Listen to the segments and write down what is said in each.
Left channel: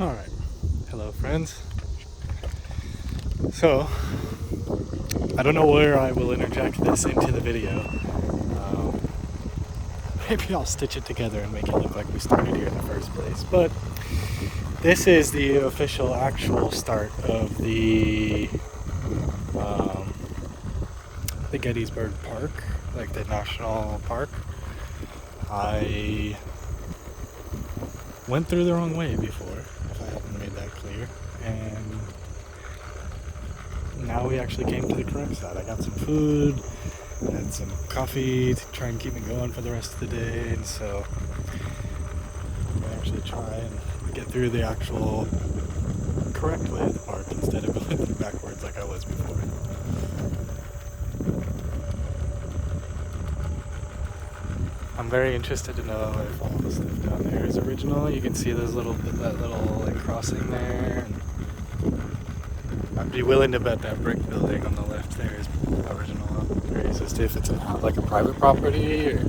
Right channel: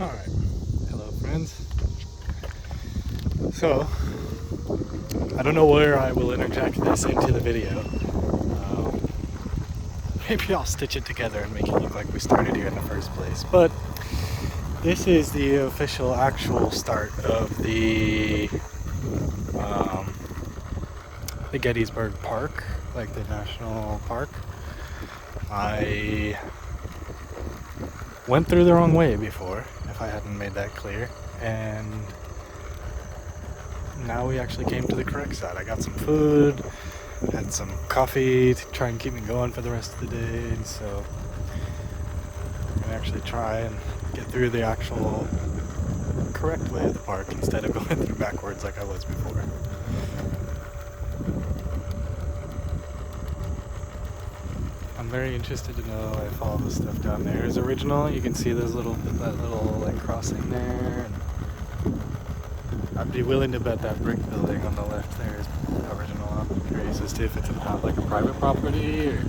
Alright, hello friends. So, I don't know where I will interject this into the video. Maybe I'll stitch it together and make it look like we started here in the first place. But this is the official actual start of the Gettysburg Park, like the national park. I went through the wrong way before, if I hadn't made that clear, and now we actually came to the correct side. I got some food, had some coffee to try and keep me going for the rest of the day, and so I'm gonna actually try and get through the actual correct way of the park instead of going through backwards like I was before. I'm very interested to know if all the stuff down there is original. You can see those that little like crossing there, and I'd be willing to bet that brick building on the left there is original. I'm curious as to if it's like a private property or I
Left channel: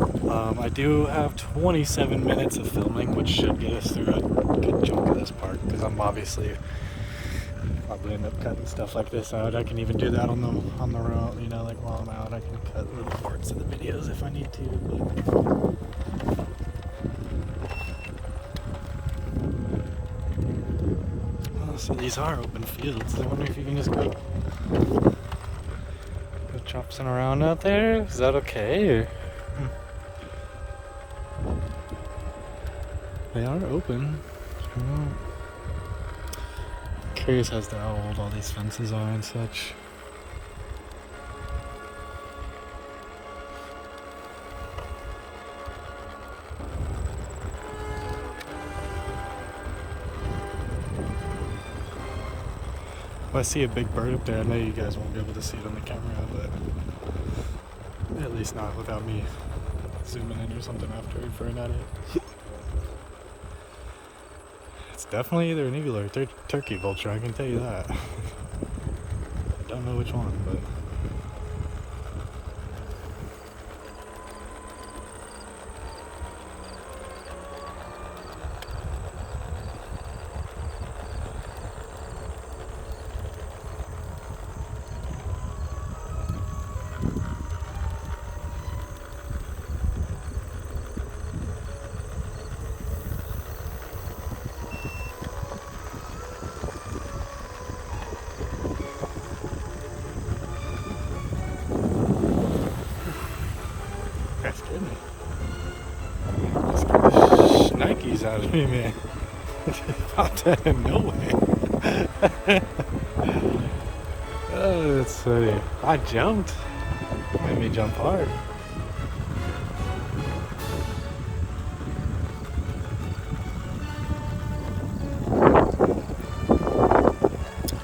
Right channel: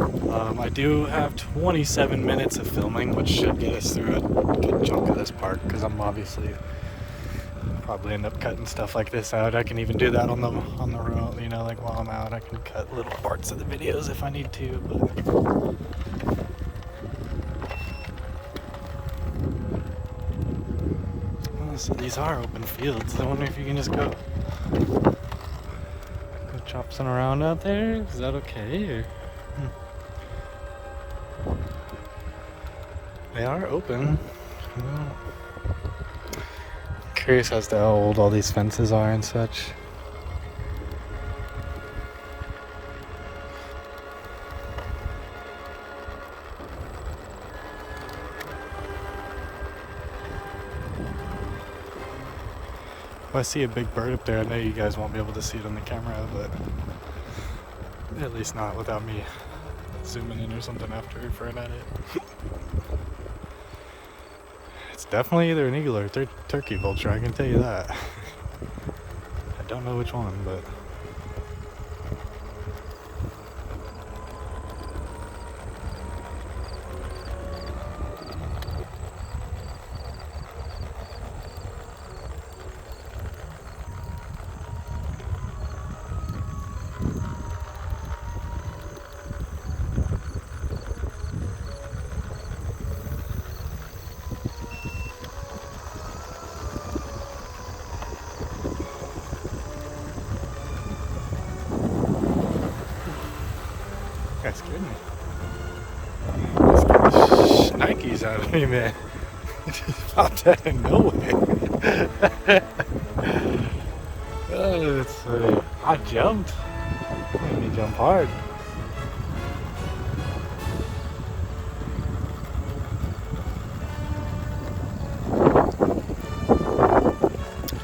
don't know. I do have 27 minutes of filming, which should get us through a good chunk of this park, because I'm obviously probably end up cutting stuff like this out. I can even do that on the road, you know, like while I'm out I can cut little parts of the videos if I need to, but so these are open fields. I wonder if you can just go chop some around out there. Is that okay? Or... They are open. Curious as to how old all these fences are and such. If I see a big bird up there, I know you guys won't be able to see it on the camera, but at least not without me zooming in or something after referring at it. It's definitely either an eagle or a turkey vulture, I can tell you that. I don't know which one, but that scared me. That scared the shnikes out of me, man. She popped out of nowhere. Oh, that's funny. I jumped. Made me jump hard.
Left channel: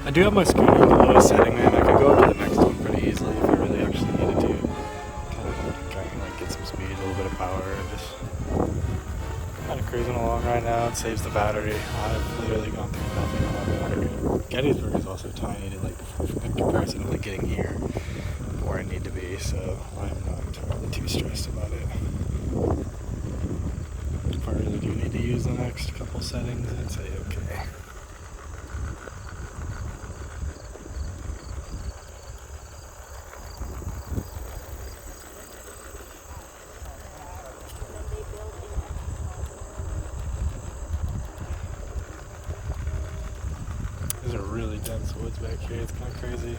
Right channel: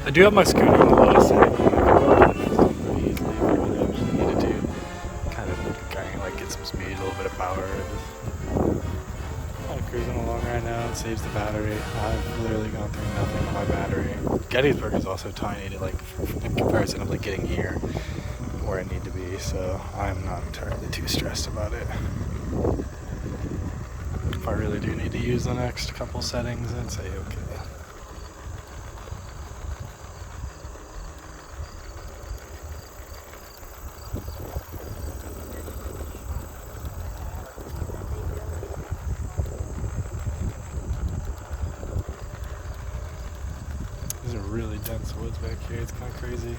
I do have my scooter on the lowest setting, and I can go up to the next one pretty easily if I really actually needed to. Kind of like get some speed, a little bit of power, just kind of cruising along right now. It saves the battery. I've literally gone through nothing on my battery. Gettysburg is also tiny to like in comparison of like getting here where I need to be, so I'm not entirely too stressed about it. If I really do need to use the next couple settings, I'd say okay. These are really dense woods back here, it's kind of crazy.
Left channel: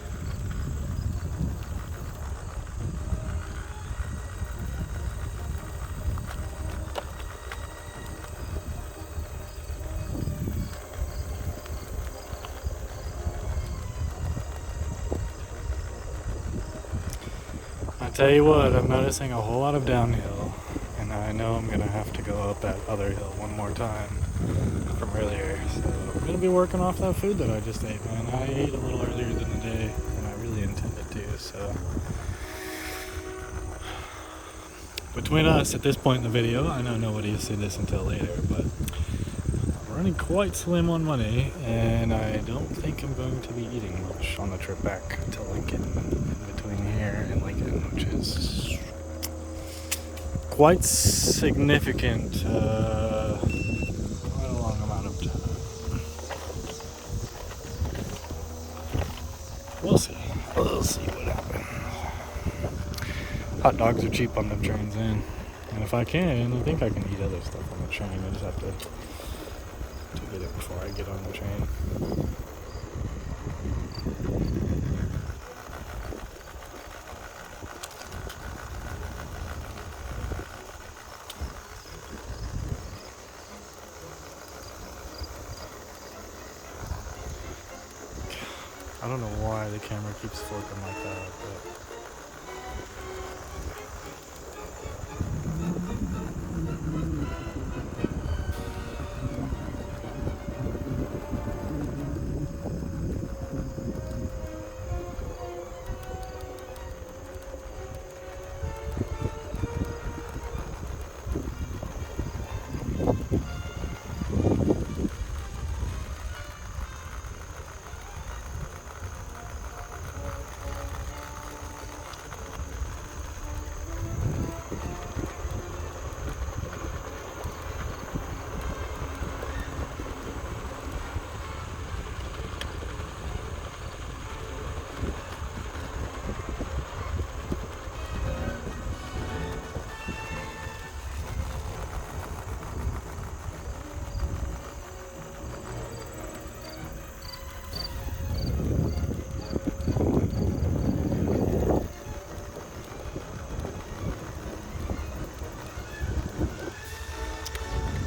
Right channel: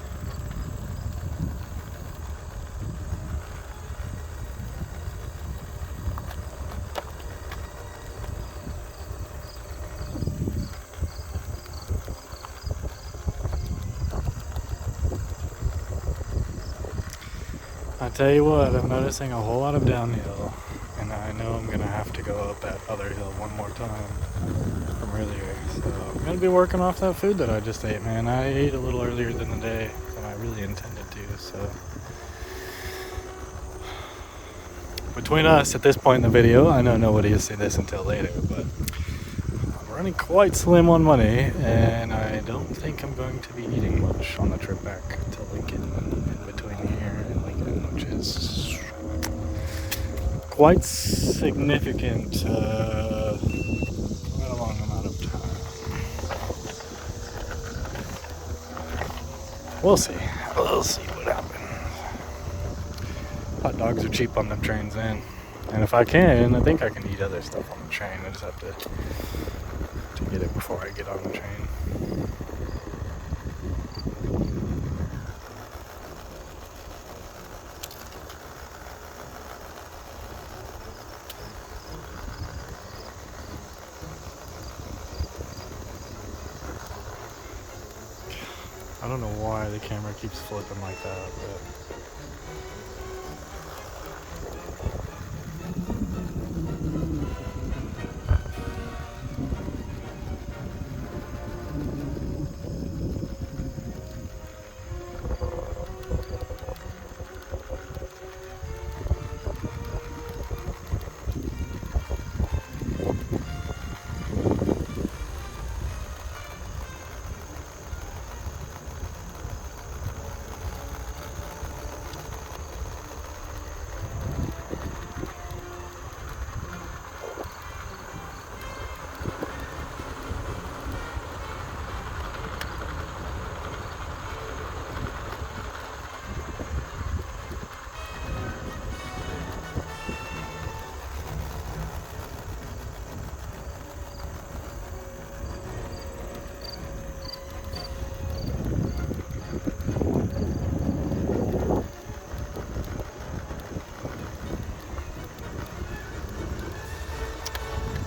I tell you what, I'm noticing a whole lot of downhill, and I know I'm gonna have to go up that other hill one more time from earlier, so I'm gonna be working off that food that I just ate, man. I ate a little earlier than the day than I really intended to, so between us at this point in the video, I know nobody will see this until later, but I'm running quite slim on money, and I don't think I'm going to be eating much on the trip back to Lincoln in between here and Lincoln, which is quite significant, quite a long amount of time. We'll see. We'll see what happens. Hot dogs are cheap on the trains, man. And if I think I can eat other stuff on the train. I just have to get it before I get on the train. I don't know why the camera keeps flipping like that, but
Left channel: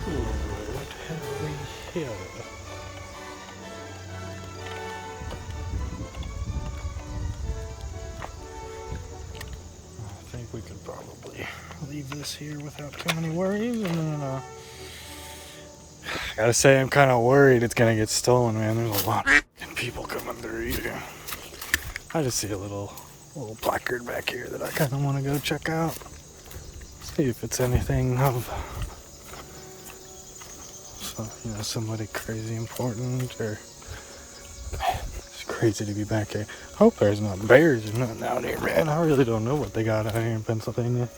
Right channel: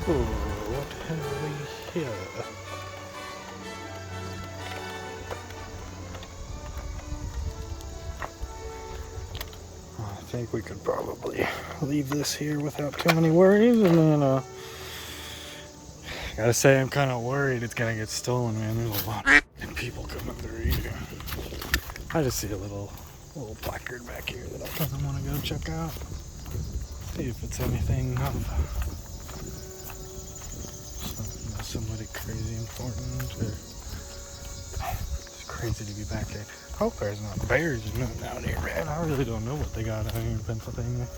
what have we here? I think we could probably leave this here without too many worries, and then gotta say I'm kind of worried it's gonna get stolen, man. There's a lot of people coming through here. I just see a little placard back here that I kind of want to go check out. See if it's anything of somebody crazy important, or it's crazy to be back here. I hope there's not bears or nothing out here, man. I really don't know what they got out here in Pennsylvania.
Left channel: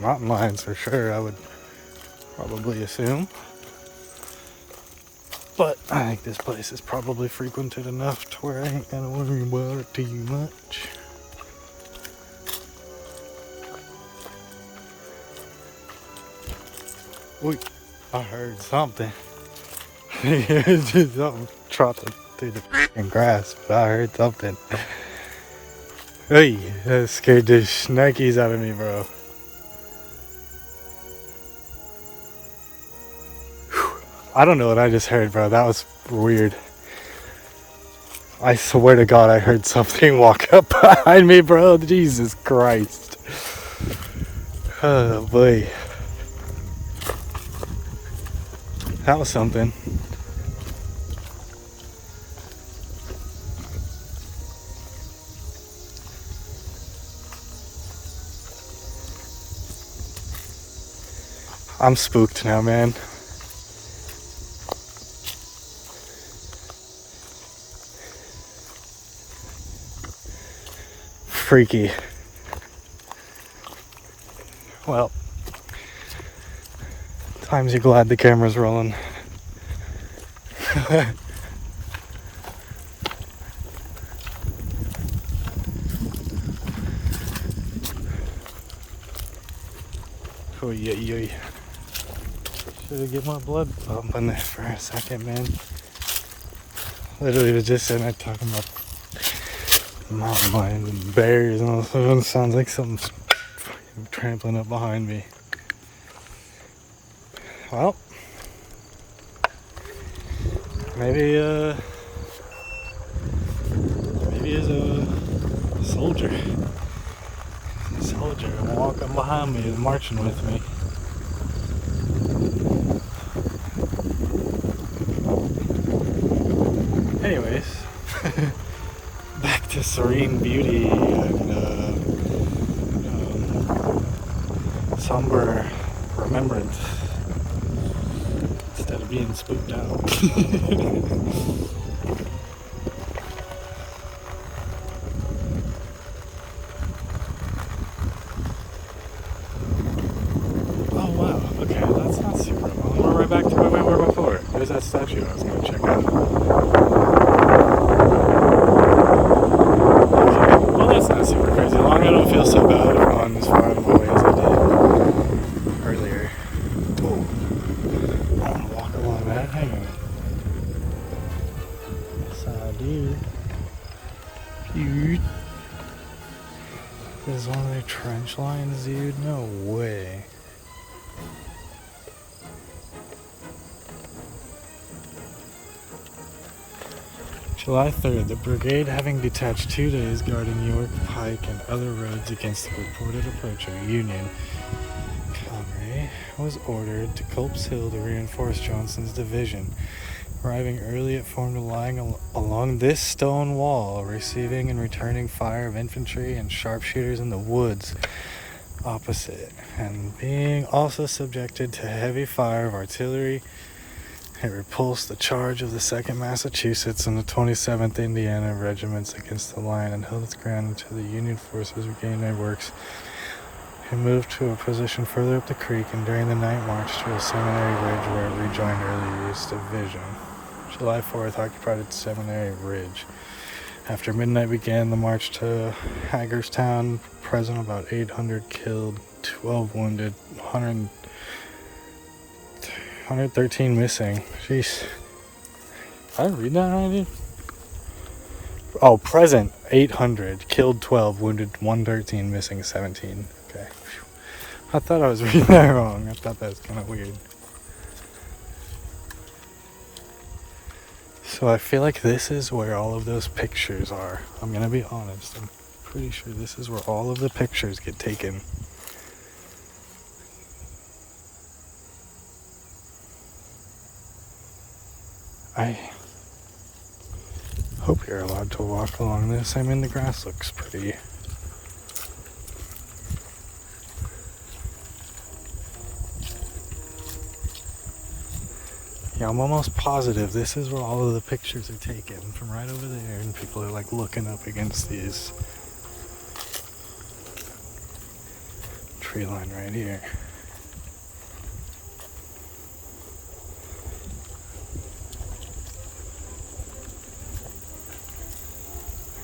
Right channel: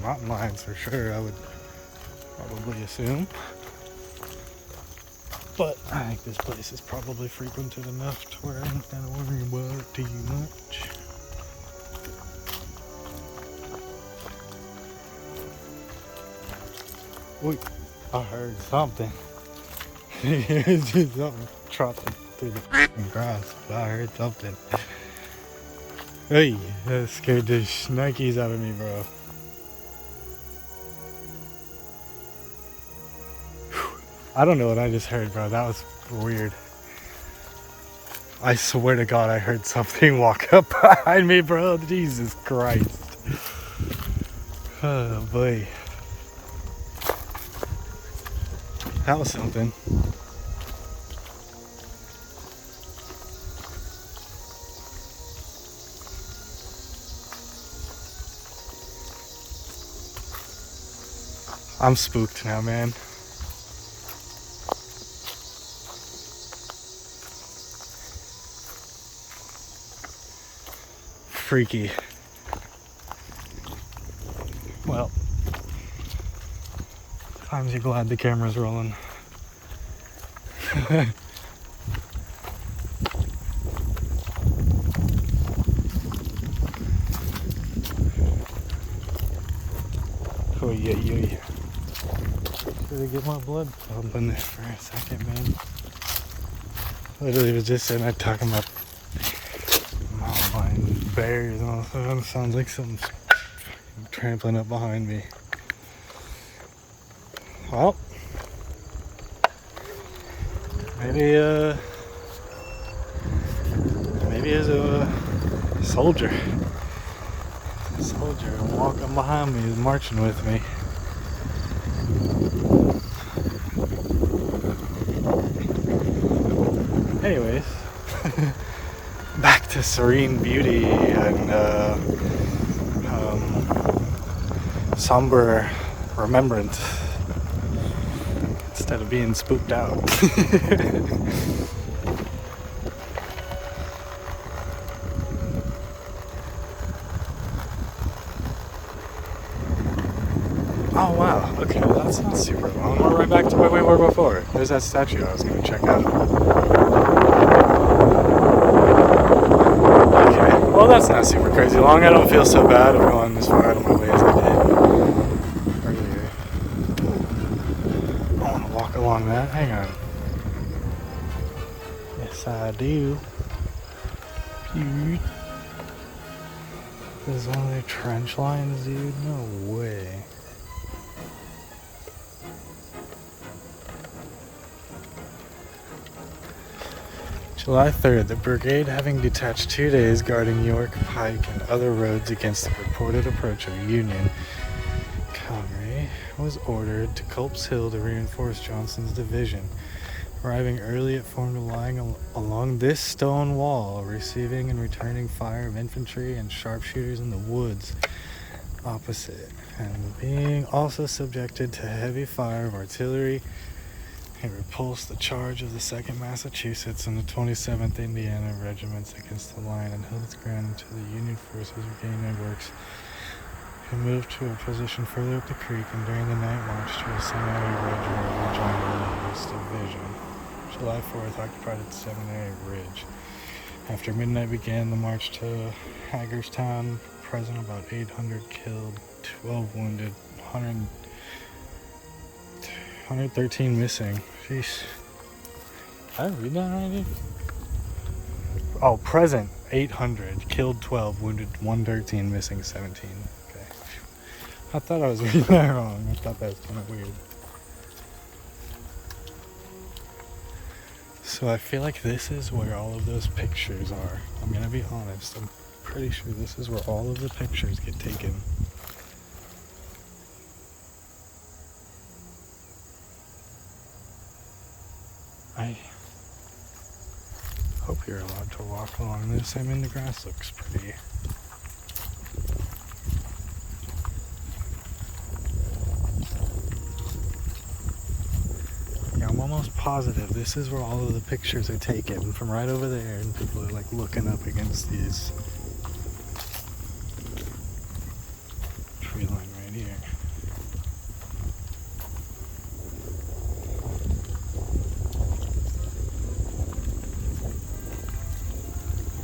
Mountain lions for sure, I would probably assume. But I think this place is probably frequented enough to where I ain't gotta worry about it too much. Wait, I heard something. It's just something trotting through the fucking grass, but I heard something. Hey, that scared the shnikes out of me, bro. I don't know what I just heard, bro. That was weird. I swear to God, I heard something walk up behind me, bro. Jesus Christ. Oh, boy. That was something. I'm spooked now, man. Freaky. Well, times you're glad the camera's rolling. Oh yeah. Should get my blood pumping there for a second, man. Literally just and I talking about my bears and all of a sudden sounds like something's trampling up behind me. Well, maybe it's a soldier. A soldier walking behind me is marching with me. Anyways, back to serene beauty and somber remembrance instead of being spooked out. Oh wow, okay, well, that's not super long. We're right back to where we were before. Where's that statue I was going to check out? Okay, well that's not super crazy long. I don't feel so bad if I'm on as far out of my way as I did earlier. Ooh. I want to walk along that. Hang on. Yes, I do. Dude. This is one of their trench lines, dude? No way. July 3rd, the brigade, having detached 2 days guarding York, Pike, and other roads against the reported approach of Union cavalry, was ordered to Culp's Hill to reinforce Johnston's division. Arriving early, it formed a line along this stone wall, receiving and returning fire of infantry and sharpshooters in the woods opposite, and being also subjected to heavy fire of artillery. It repulsed the charge of the 2nd Massachusetts and the 27th Indiana regiments against the line and held its ground until the Union forces regained their works and moved to a position further up the creek, and during the night marched to a Seminary Ridge where it rejoined early Ewell's division. July 4th occupied Seminary Ridge. After midnight began the march to Hagerstown, present about 800 killed, 12 wounded, 113 missing. Jeez. Did I read that already? Oh, present 800, killed 12, wounded 113, missing 17. Okay. I thought I was reading that wrong. I thought that was kind of weird. So I feel like this is where all of those pictures are. I'm gonna be honest. I'm pretty sure this is where all of the pictures get taken. I hope you're allowed to walk along this. I mean, the grass looks pretty. Yeah, I'm almost positive this is where all of the pictures are taken, from right over there, and people are like looking up against these tree line right here.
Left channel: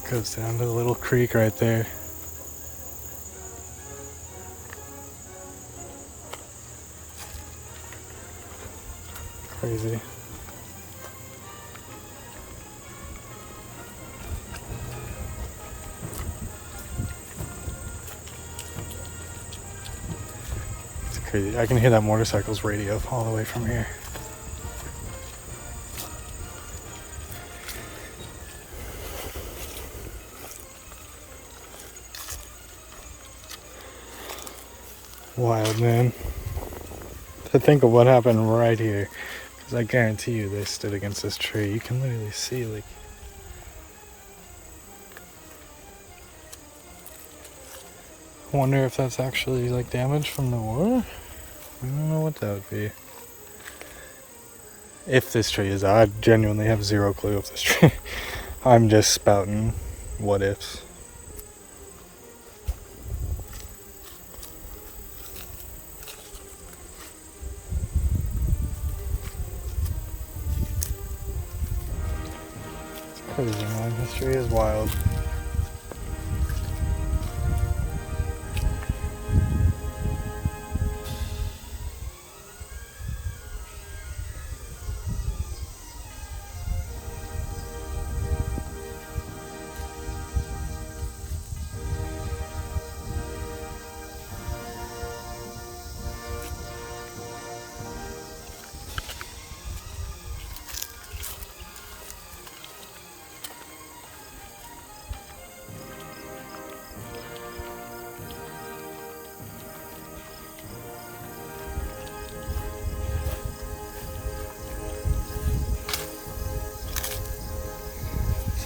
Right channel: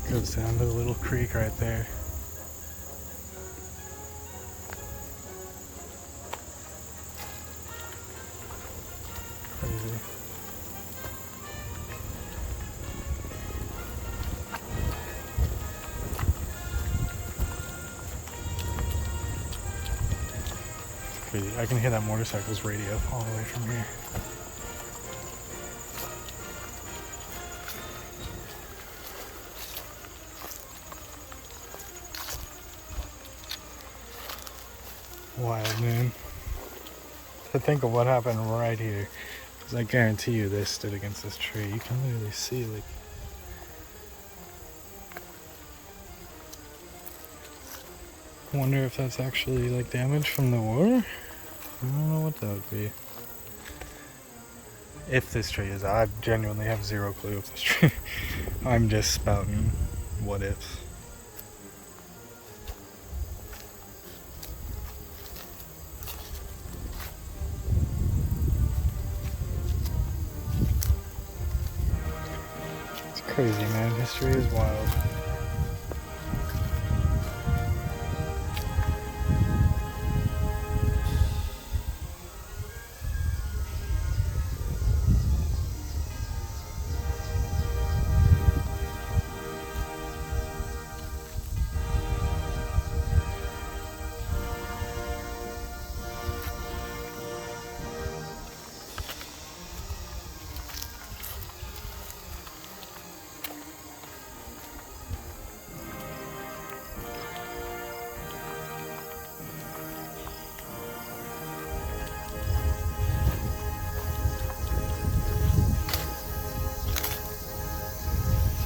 It goes down to the little creek right there. Crazy. It's crazy. I can hear that motorcycle's radio all the way from here. Wild, man. To think of what happened right here. Because I guarantee you they stood against this tree. You can literally see, like... I wonder if that's actually, like, damage from the war? I don't know what that would be. If this tree is... I genuinely have zero clue if this tree... I'm just spouting what ifs. Crazy, man. History is wild.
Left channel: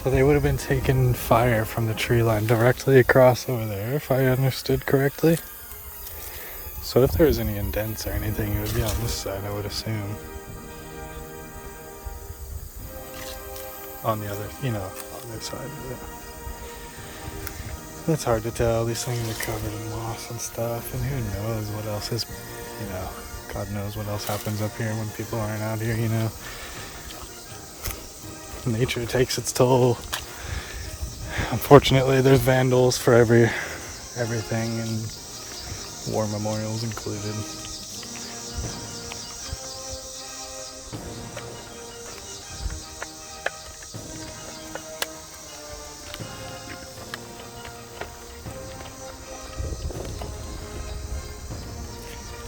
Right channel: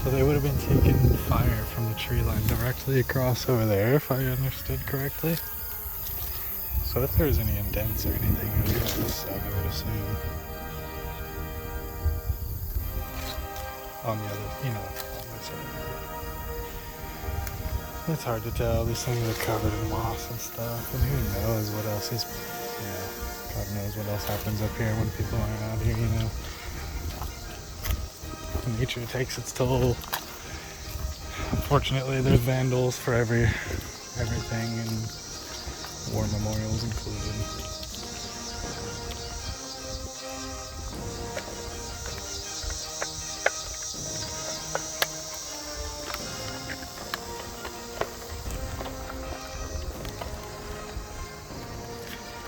So they would have been taking fire from the tree line directly across over there, if I understood correctly. So if there's any indents or anything, it would be on this side, I would assume. On the other, on this side. It's hard to tell. These things are covered in moss and stuff, and who knows what else is, God knows what else happens up here when people aren't out here, Nature takes its toll. Unfortunately, there's vandals for everything, and war memorials included.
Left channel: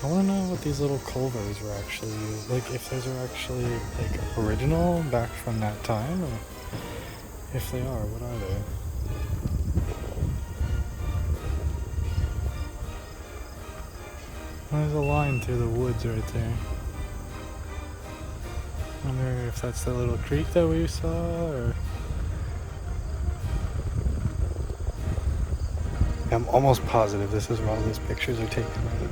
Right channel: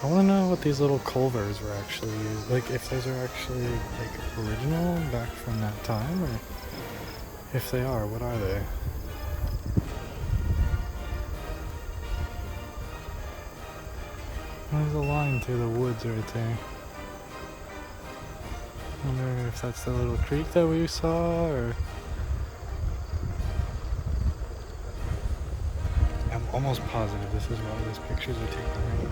I want to know what these little culvers were actually used, like if those are actually like original back from that time, or if they are, what are they? There's a line through the woods right there. I wonder if that's the little creek that we saw, or... I'm almost positive this is why those pictures are taken right here.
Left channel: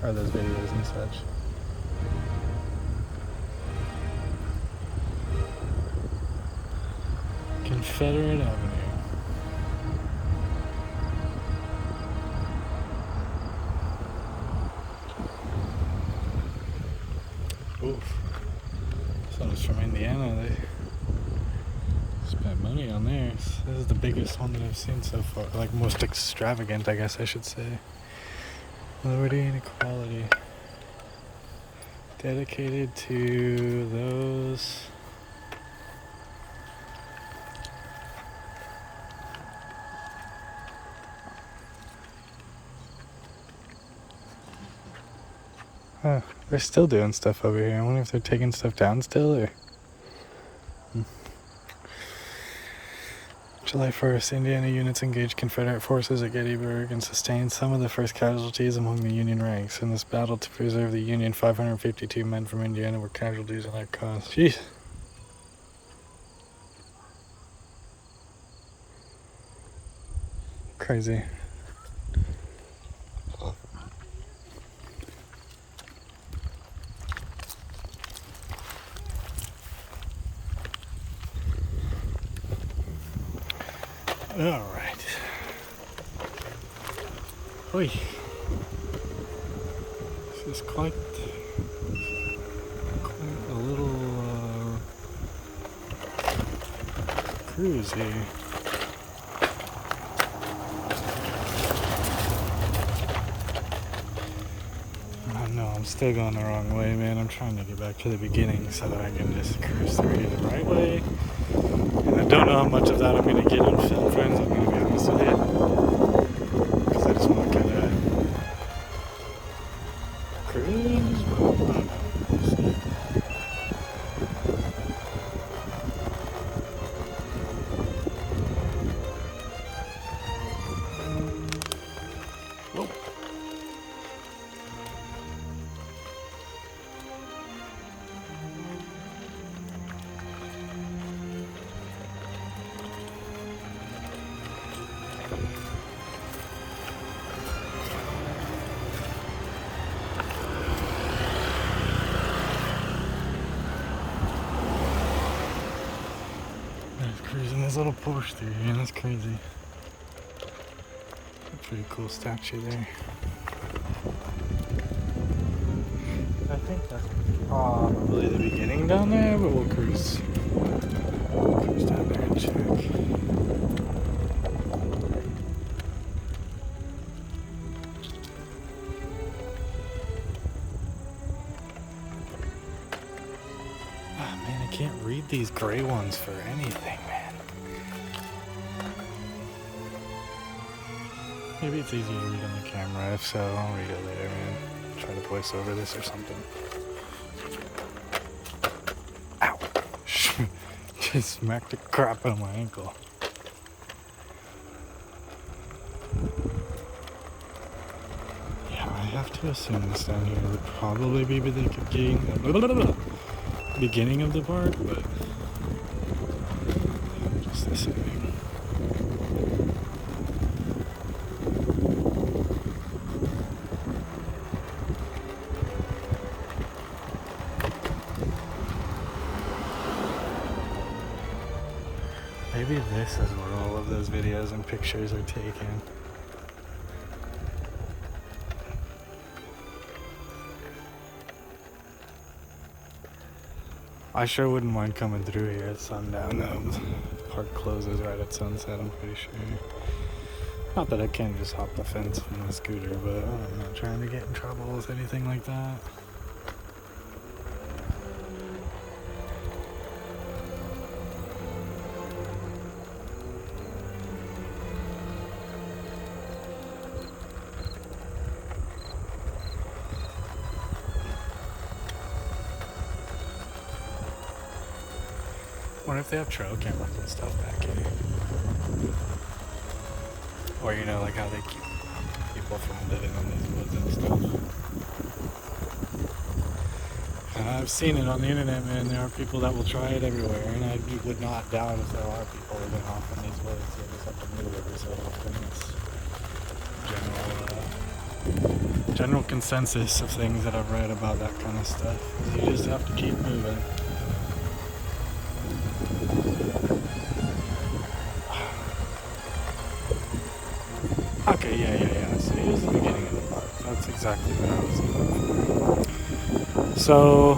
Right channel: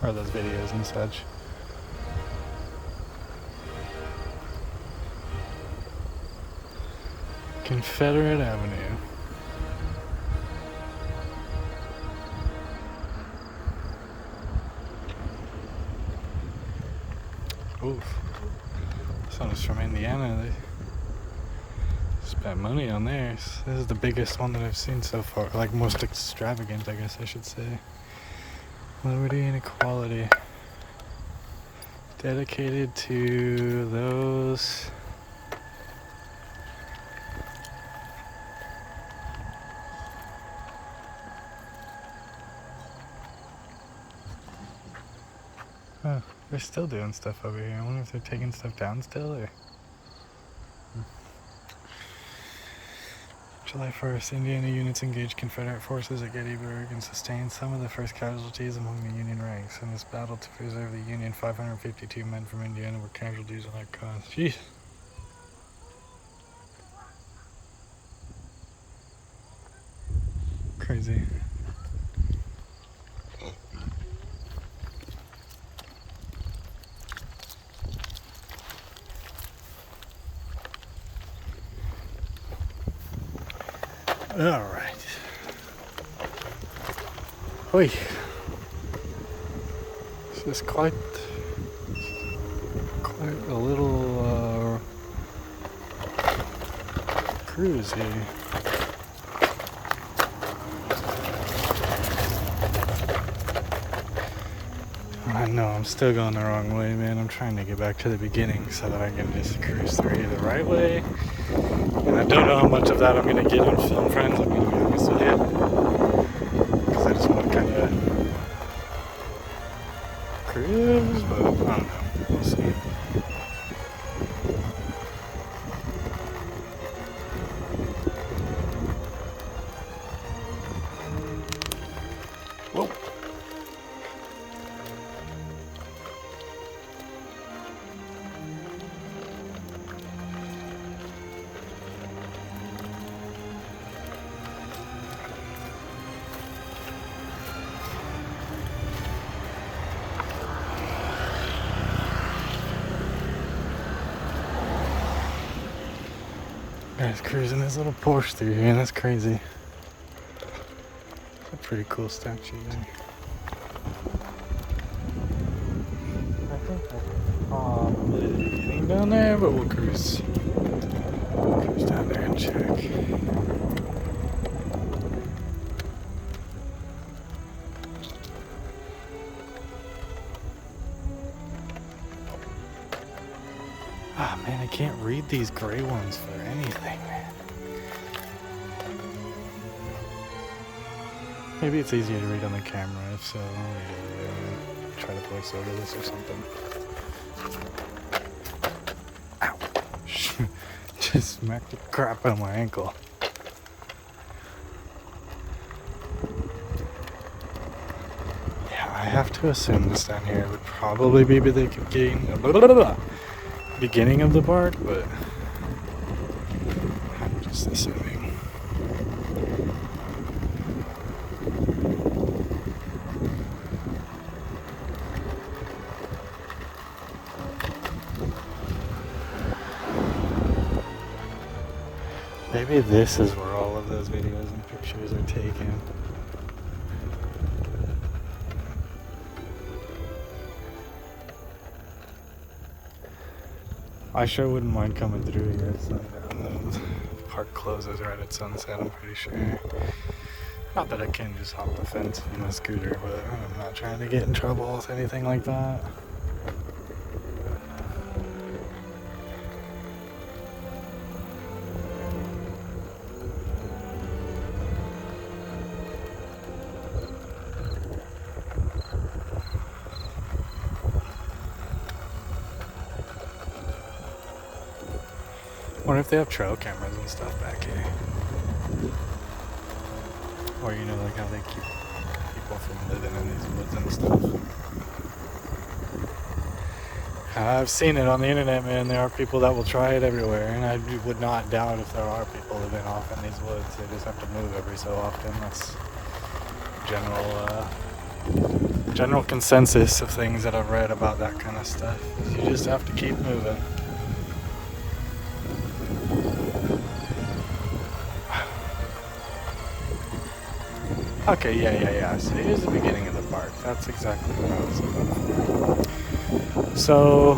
Or those videos and such. Confederate Avenue. Oof. This one is from Indiana. They spent money on theirs. This is the biggest one that I've seen so far. Like most extravagant, I guess I should say. Liberty and equality. Dedicated to those... Huh, they're still doing stuff over here. I wonder if they're taking stuff down still, or... July 1st, Indiana units engaged Confederate forces at Gettysburg and sustained some of the first casualties among the Union ranks. In this battle to preserve the Union, 552 men from Indiana were casualties in that cause. Jeez. Crazy. All right. Wait. This is quite a little cruise here. I know I'm still going the wrong way, man. I'm trying to get back to the beginning so that I can just cruise through here the right way. And I don't know how much of that I'm going to get in film, friends. I'm going to be honest with you. Because I just want to kind of cruise, but I don't know. We'll see. Whoa. Guy's cruising his little Porsche through here, and that's crazy. A pretty cool statue there. I think that's probably the beginning down there, but we'll cruise. We'll cruise down there and check. Ah, man, I can't read these gray ones for anything, man. Maybe it's easier to read on the camera. If so, I'll read it later and try to voice over this or something. Ow! Just smacked the crap out of my ankle. Yeah, I have to assume this down here would probably be the beginning of the park, but I'm just assuming. Maybe this is where all of those videos and pictures are taken. I sure wouldn't mind coming through here at sundown though. Park closes right at sunset, I'm pretty sure. Not that I can just hop the fence from my scooter, but I'm not trying to get in trouble with anything like that. I wonder if they have trail cameras and stuff back here. Or, you know, like how they keep people from living in these woods and stuff. I've seen it on the internet, man. There are people that will try it everywhere, and I would not doubt if there are people living off in these woods. They just have to move every so often. That's general consensus of things that I've read about that kind of stuff. You just have to keep moving. Okay, yeah. So here's the beginning of the park. That's exactly what I was looking for. So,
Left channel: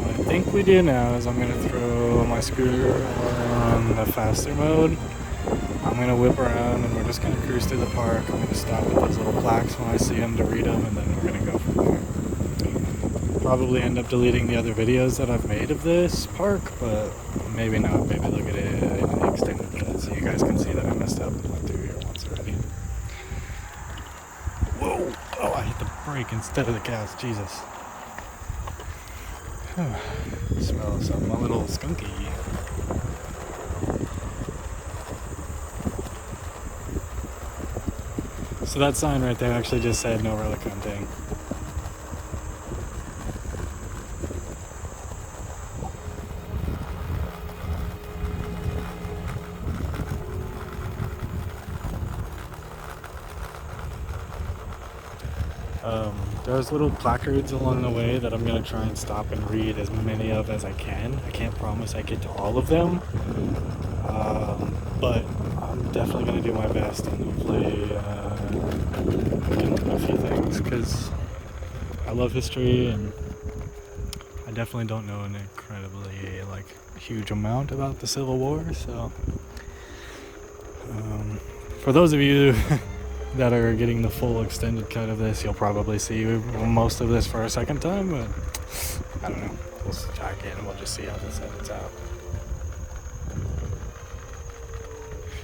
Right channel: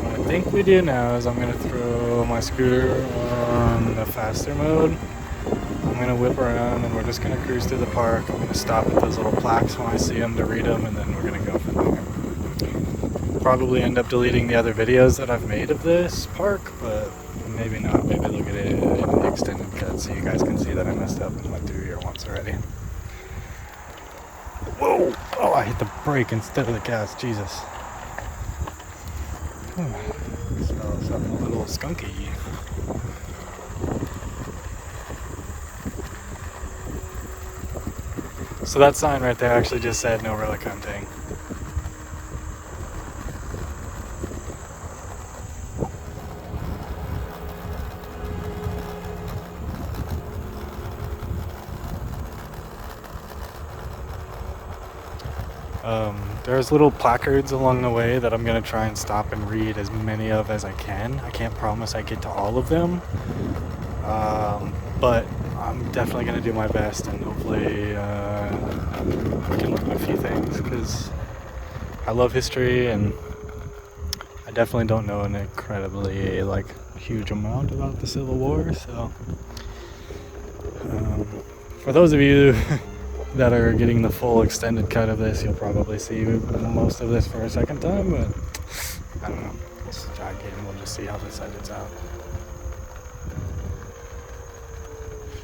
what I think we do now is I'm going to throw my scooter on the faster mode. I'm going to whip around and we're just going to cruise through the park. I'm going to stop at those little plaques when I see them to read them, and then we're going to go from there. Probably end up deleting the other videos that I've made of this park, but maybe not. Maybe they'll get it in the extended cut so you guys can see that I messed up and went through here once already. Whoa! Oh, I hit the brake instead of the gas. Jesus. Smell something a little skunky. So that sign right there actually just said no relic hunting. There's little placards along the way that I'm going to try and stop and read as many of as I can. I can't promise I get to all of them, but I'm definitely going to do my best, and hopefully we can learn a few things, because I love history and I definitely don't know an incredibly huge amount about the Civil War. So for those of you that are getting the full extended cut of this, you'll probably see most of this for a second time, but I don't know. We'll jack in, we'll just see how this edits out.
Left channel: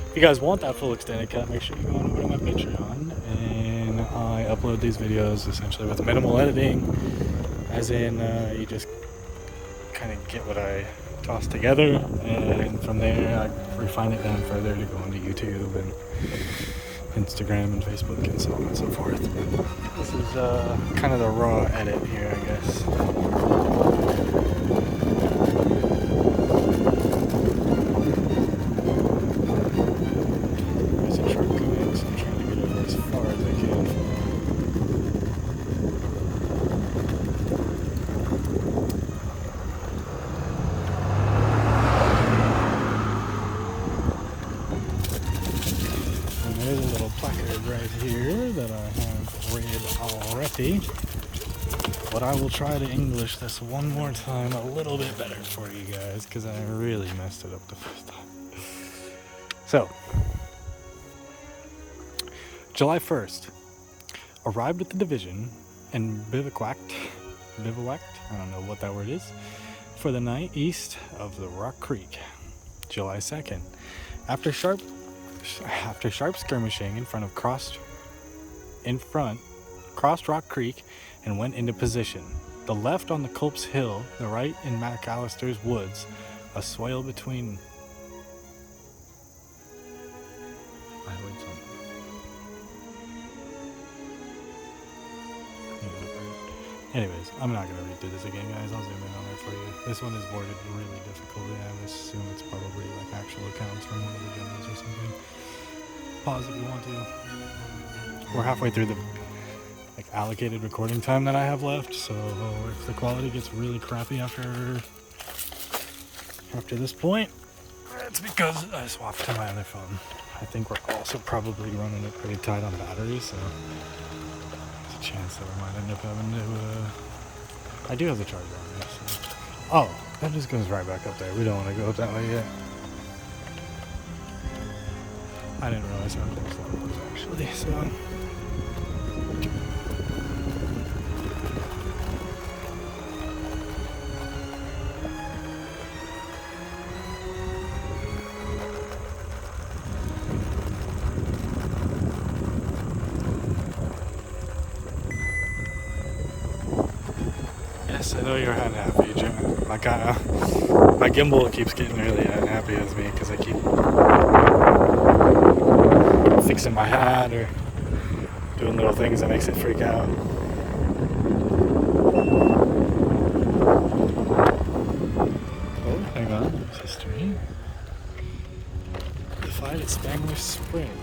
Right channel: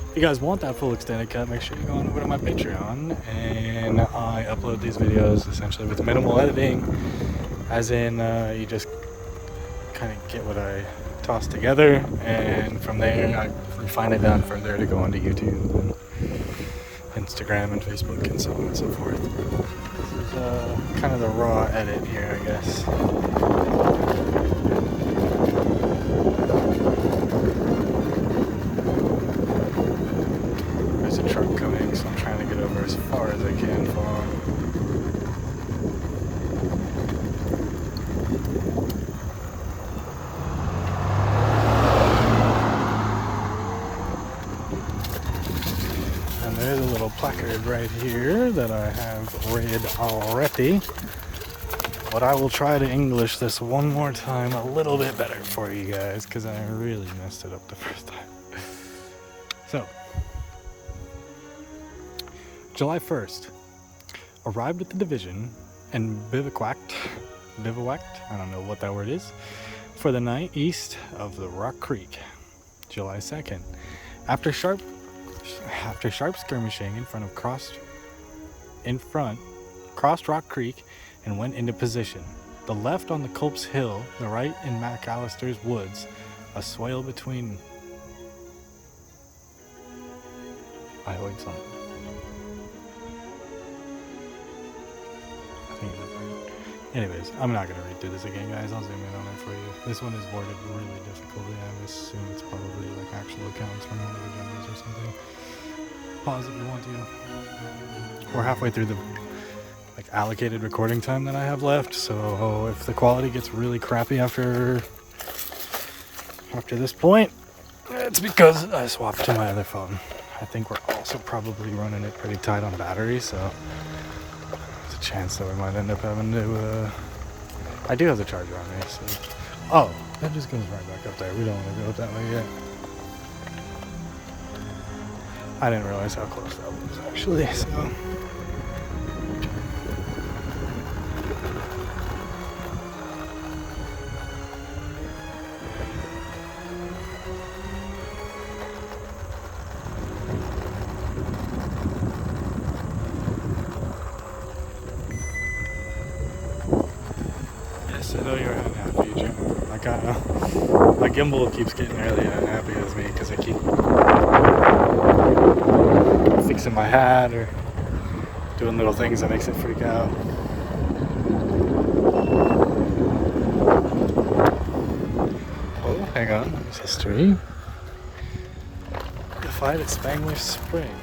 If you guys want that full extended cut, make sure you go on over to my Patreon, and I upload these videos essentially with minimal editing, as in you just kind of get what I toss together, and from there I refine it down further to go onto YouTube and Instagram and Facebook and so on and so forth. This is kind of the raw edit here, I guess. There's a truck coming, so I'm trying to get over as far as I can for him. There's a little placard right here that I have read already, but I will try to English this one more time a little bit better for you guys, because I really messed it up the first time. So, July 1st, arrived at the division and bivouacked, I don't know what that word is, for the night east of the Rock Creek. July 2nd, after sharp skirmishing crossed Rock Creek and went into position. The left on the Culp's Hill, the right in McAllister's Woods, a swale between. I heard something. I think it's a bird. Anyways, I'm not gonna read through this again, guys. I'll zoom in on it for you. This one is worded really difficultly. I assume it's probably actual accounts from one of the generals or something. Pause if you want to. We're halfway through the allocated recording time that I have left, so if the quality gets really crappy after this point, it's because I swapped to my other phone. I think we're also probably running it pretty tight on battery, so there's a chance that we might end up having to, I do have the charger on me, so. Oh, that just goes right back up there. We don't want to go up that way yet. I didn't realize how close that was actually, so. Yes, I know you're unhappy, John. My gimbal keeps getting really unhappy as me because I keep fixing my hat or doing little things that makes it freak out. Oh, hang on. There's history. The fight at Spangler Spring.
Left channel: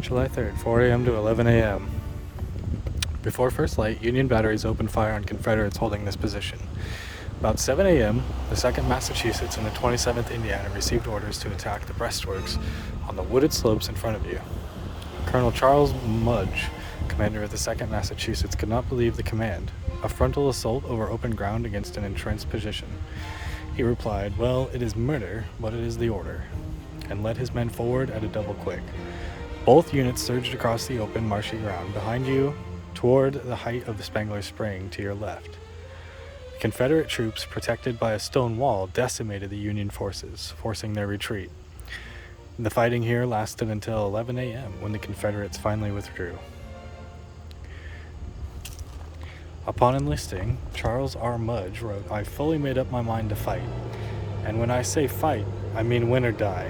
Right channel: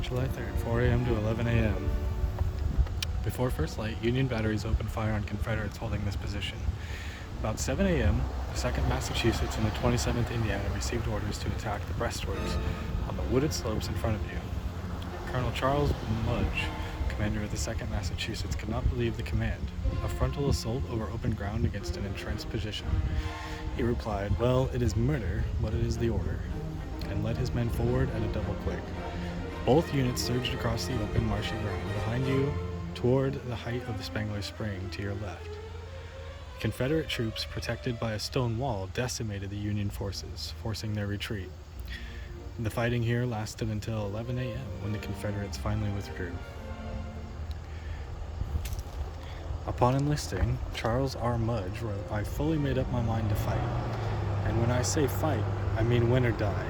July 3rd, 4 a.m. to 11 a.m. Before first light, Union batteries opened fire on Confederates holding this position. About 7 a.m., the 2nd Massachusetts and the 27th Indiana received orders to attack the breastworks on the wooded slopes in front of you. Colonel Charles Mudge, commander of the 2nd Massachusetts, could not believe the command, a frontal assault over open ground against an entrenched position. He replied, "Well, it is murder, but it is the order," and led his men forward at a double quick. Both units surged across the open, marshy ground behind you toward the height of the Spangler Spring to your left. Confederate troops, protected by a stone wall, decimated the Union forces, forcing their retreat. The fighting here lasted until 11 a.m. when the Confederates finally withdrew. Upon enlisting, Charles R. Mudge wrote, "I fully made up my mind to fight. And when I say fight, I mean win or die.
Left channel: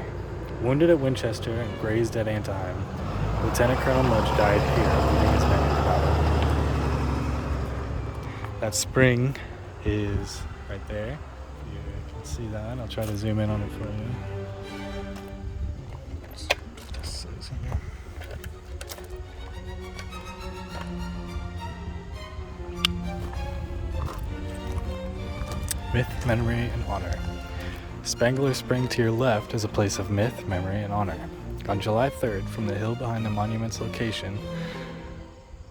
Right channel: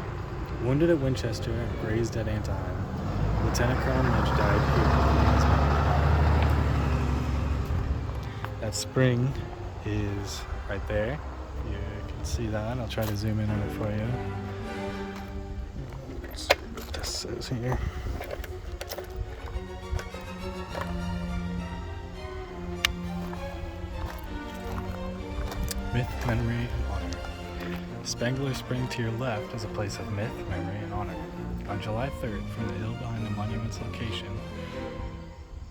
Wounded at Winchester and grazed at Antietam, Lieutenant Colonel Mudge died here, leading his men into battle." That spring is right there. You can see that. I'll try to zoom in on it for you. Let's see what this says here. Myth, memory, and honor. Spangler Spring to your left is a place of myth, memory, and honor. On July 3rd, from the hill behind the monument's location,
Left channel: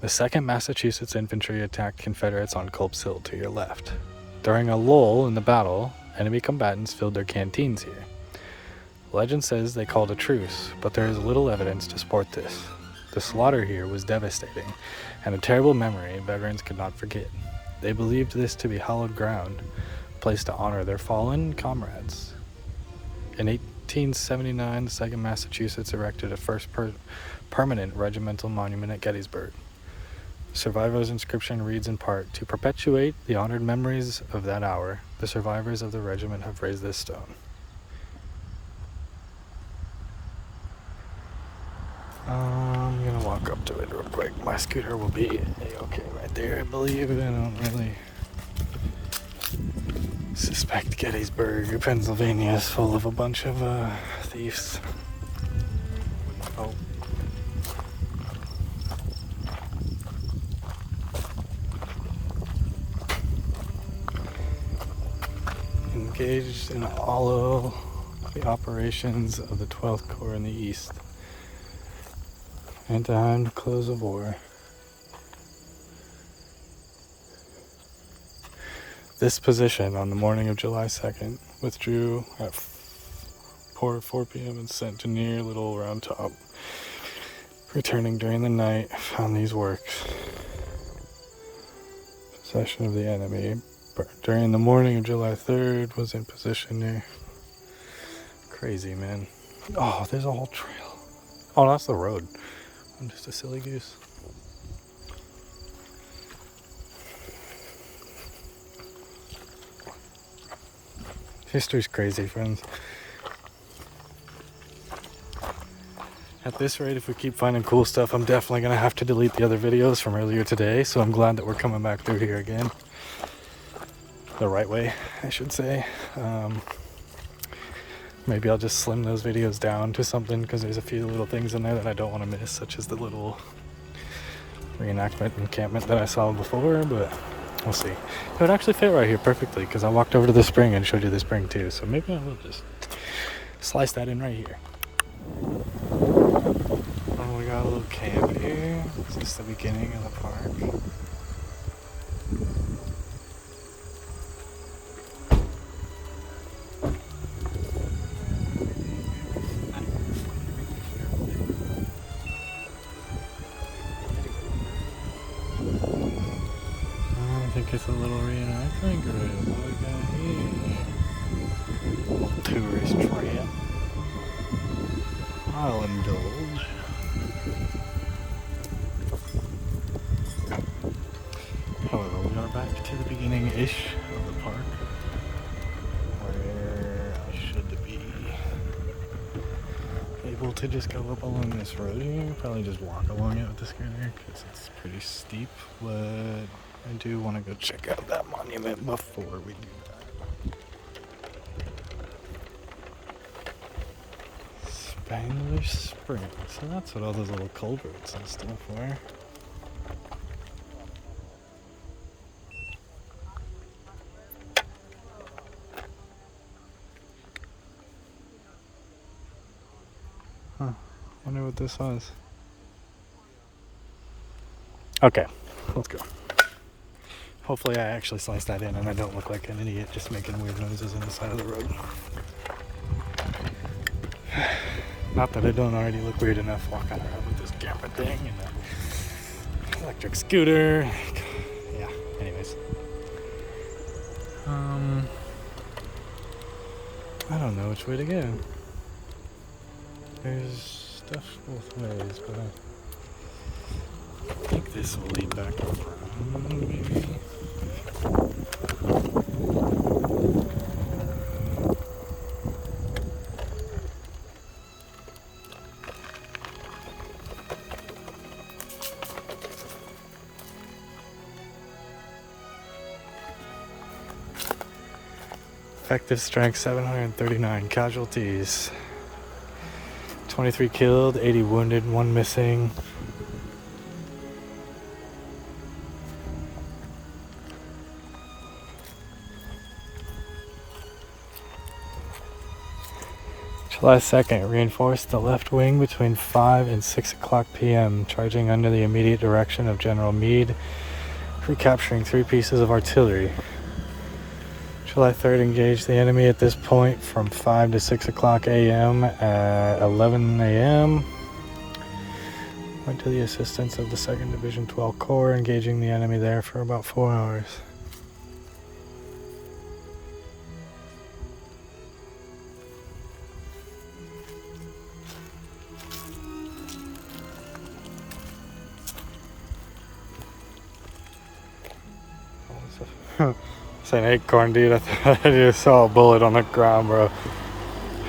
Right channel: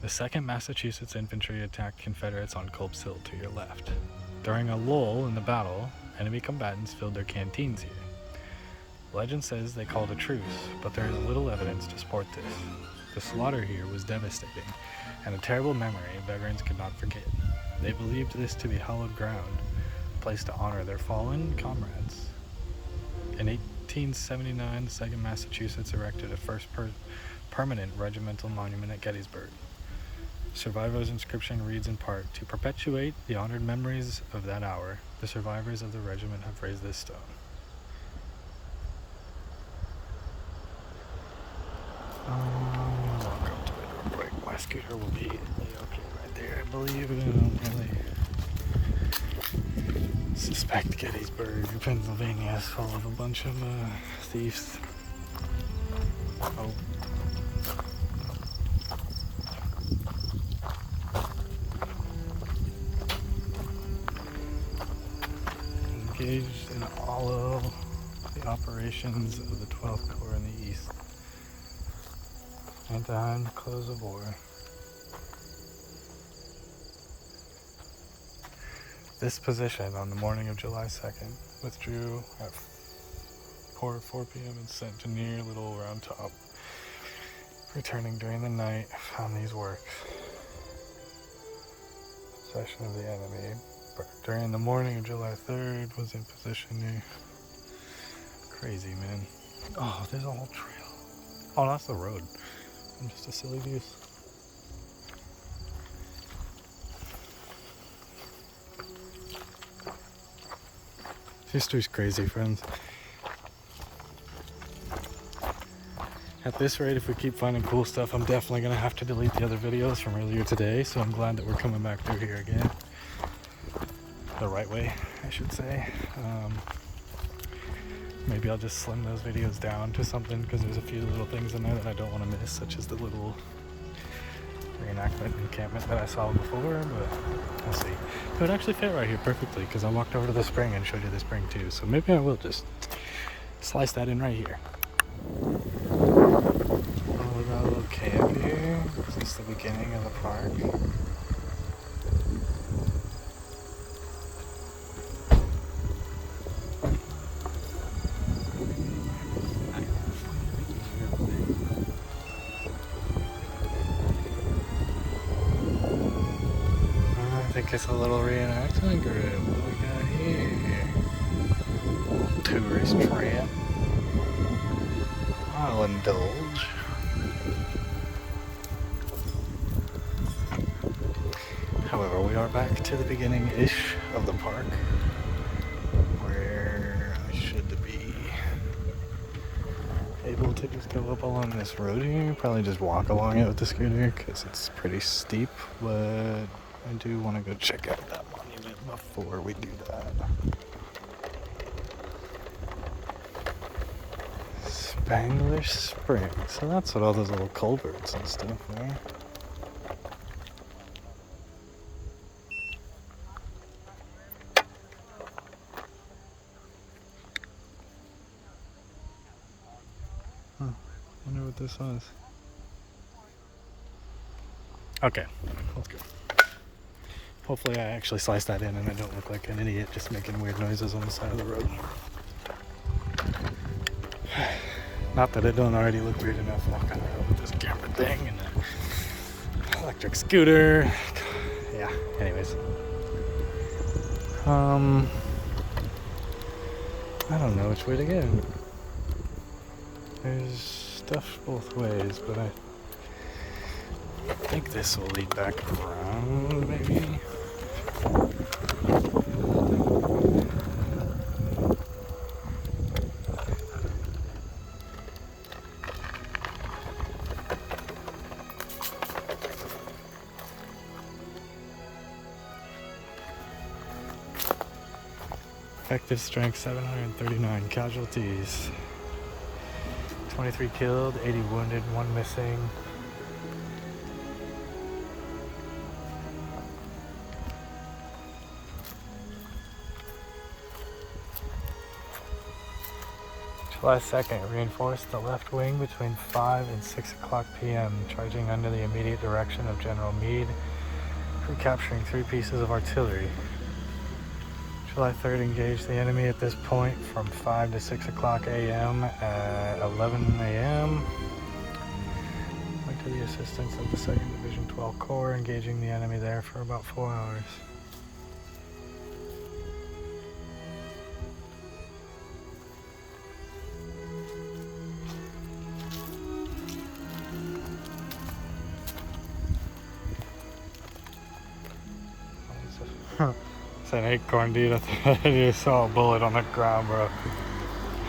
the 2nd Massachusetts Infantry attacked Confederates on Culp's Hill to your left. During a lull in the battle, enemy combatants filled their canteens here. Legend says they called a truce, but there is little evidence to support this. The slaughter here was devastating, and a terrible memory veterans could not forget. They believed this to be hallowed ground, a place to honor their fallen comrades. In 1879, the 2nd Massachusetts erected a first permanent regimental monument at Gettysburg. The survivor's inscription reads in part, "To perpetuate the honored memories of that hour, the survivors of the regiment have raised this stone." I'm gonna walk up to it real quick. My scooter will be okay right there, I believe. I don't really suspect Gettysburg, Pennsylvania is full of a bunch of thieves. Oh. Engaged in all of the operations of the 12th Corps in the East. And time to close the war. This position on the morning of July 2nd withdrew at 4 p.m. and sent to near Little Round Top. Returning during the night, found these works. Possession of the enemy. During the morning of July 3rd, was in position near. Crazy, man. Oh, there's a whole trail. Oh, that's the road. I'm just a silly goose. History's crazy, friends. At this rate, if we keep finding cool stuff, I'm definitely going to have to delete the other videos from earlier today, so I'm glad that we're coming back through here again. The right way, I should say. Maybe I'll just slim those videos down to something, because there's a few little things in there that I don't want to miss, such as the little reenactment encampment that I saw before, but we'll see. It would actually fit right here perfectly because I walked over to the spring and showed you the spring too, so maybe I will just slice that in right here. Oh, we got a little camp here. Is this the beginning of the park? I think it's a little reenactment group. What we got here? A little tourist trap. I'll indulge. However, we are back to the beginning-ish of the park, where I should be able to just go up along this road here. Probably just walk along it with the scooter because it's pretty steep, but I do want to go check out that monument before we do that. Spangler Spring. So that's what all those little culverts and stuff were. Huh. Wonder what this was. Okay, let's go. Hopefully I actually slice that in and I don't look like an idiot just making weird noises on the side of the road. Not that it don't already look weird enough walking around with this camera thing and an electric scooter. Yeah, anyways. I don't know which way to go. There's stuff both ways, but I think this will lead back around, maybe. Effective strength 739, casualties 23 killed, 80 wounded, 1 missing. July 2nd, reinforced the left wing between 5 and 6 o'clock p.m., charging under the immediate direction of General Meade, recapturing 3 pieces of artillery. July 3rd, engaged the enemy at this point from 5 to 6 o'clock a.m. At 11 a.m. Went to the assistance of the 2nd Division 12 Corps, engaging the enemy there for about 4 hours. It's an acorn, dude. I thought I just saw a bullet on the ground, bro.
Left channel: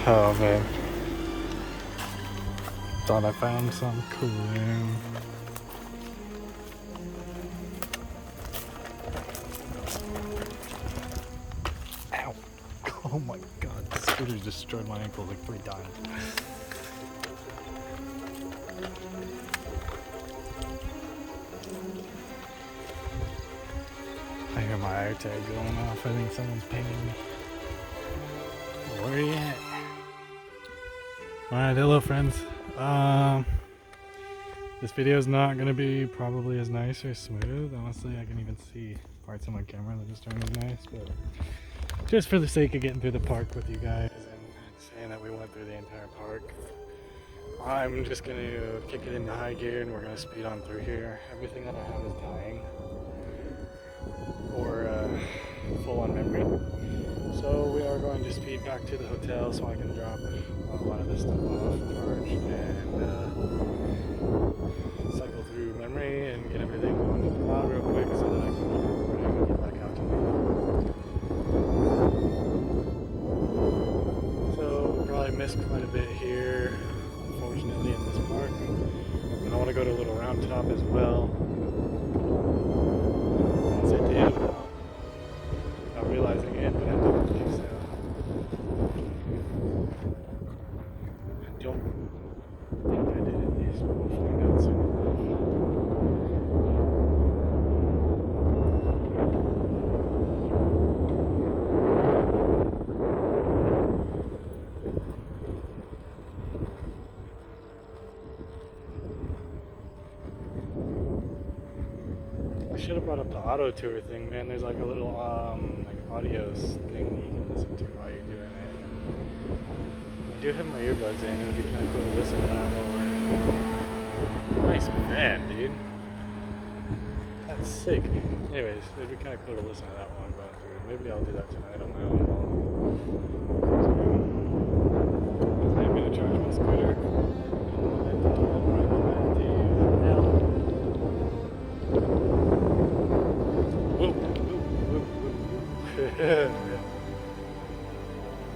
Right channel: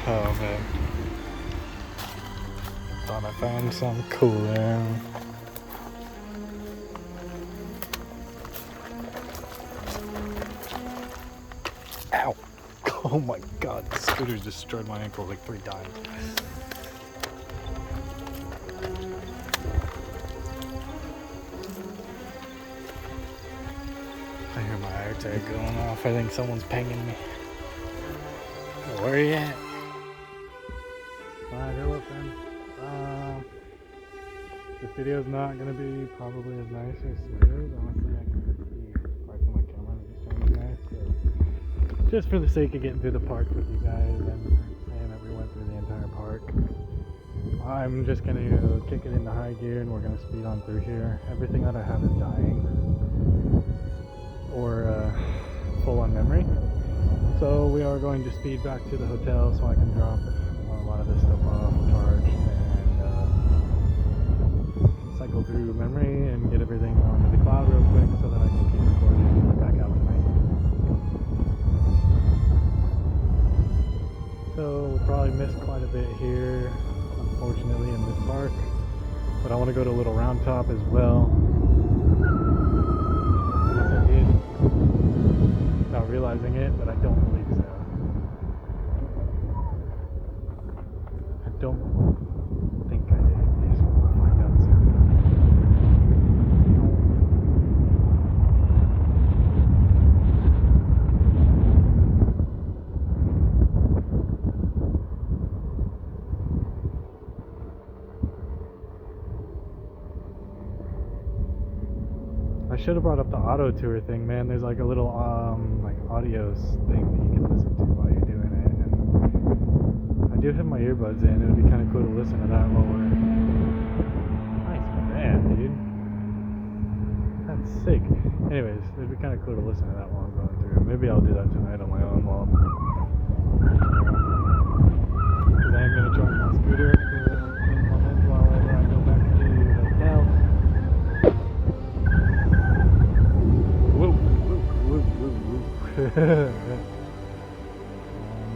Oh, man. Thought I found something cool, man. Ow. Oh my god, the scooter destroyed my ankle like 3 times. I hear my air tag going off. I think someone's pinging me. Where are you at? Alright, hello friends. This video is not going to be probably as nice or smooth. Honestly, I can even see parts of my camera that just aren't as nice, but just for the sake of getting through the park with you guys and saying that we went through the entire park, I'm just going to kick it into high gear and we're going to speed on through here. Everything that I have is dying or full on memory, so we are going to speed back to the hotel so I can drop a lot of this stuff off, charge, and cycle through memory and get everything onto the cloud real quick so that I can keep recording and get back out tonight. So we'll probably miss quite a bit here, unfortunately, in this park, but I want to go to Little Round Top as well. As I did, not realizing it, but I don't believe so. I don't think I did it, yes, but we'll find out soon. I should have brought up the auto tour thing, man. There's like a little like audio thing you can listen to while you're doing it. And I do have my earbuds in. It would be kind of cool to listen to that while we're. Nice van, dude. That's sick. Anyways, it'd be kind of cool to listen to that while I'm going through. Maybe I'll do that tonight on my own while. Because I'm gonna try my scooter.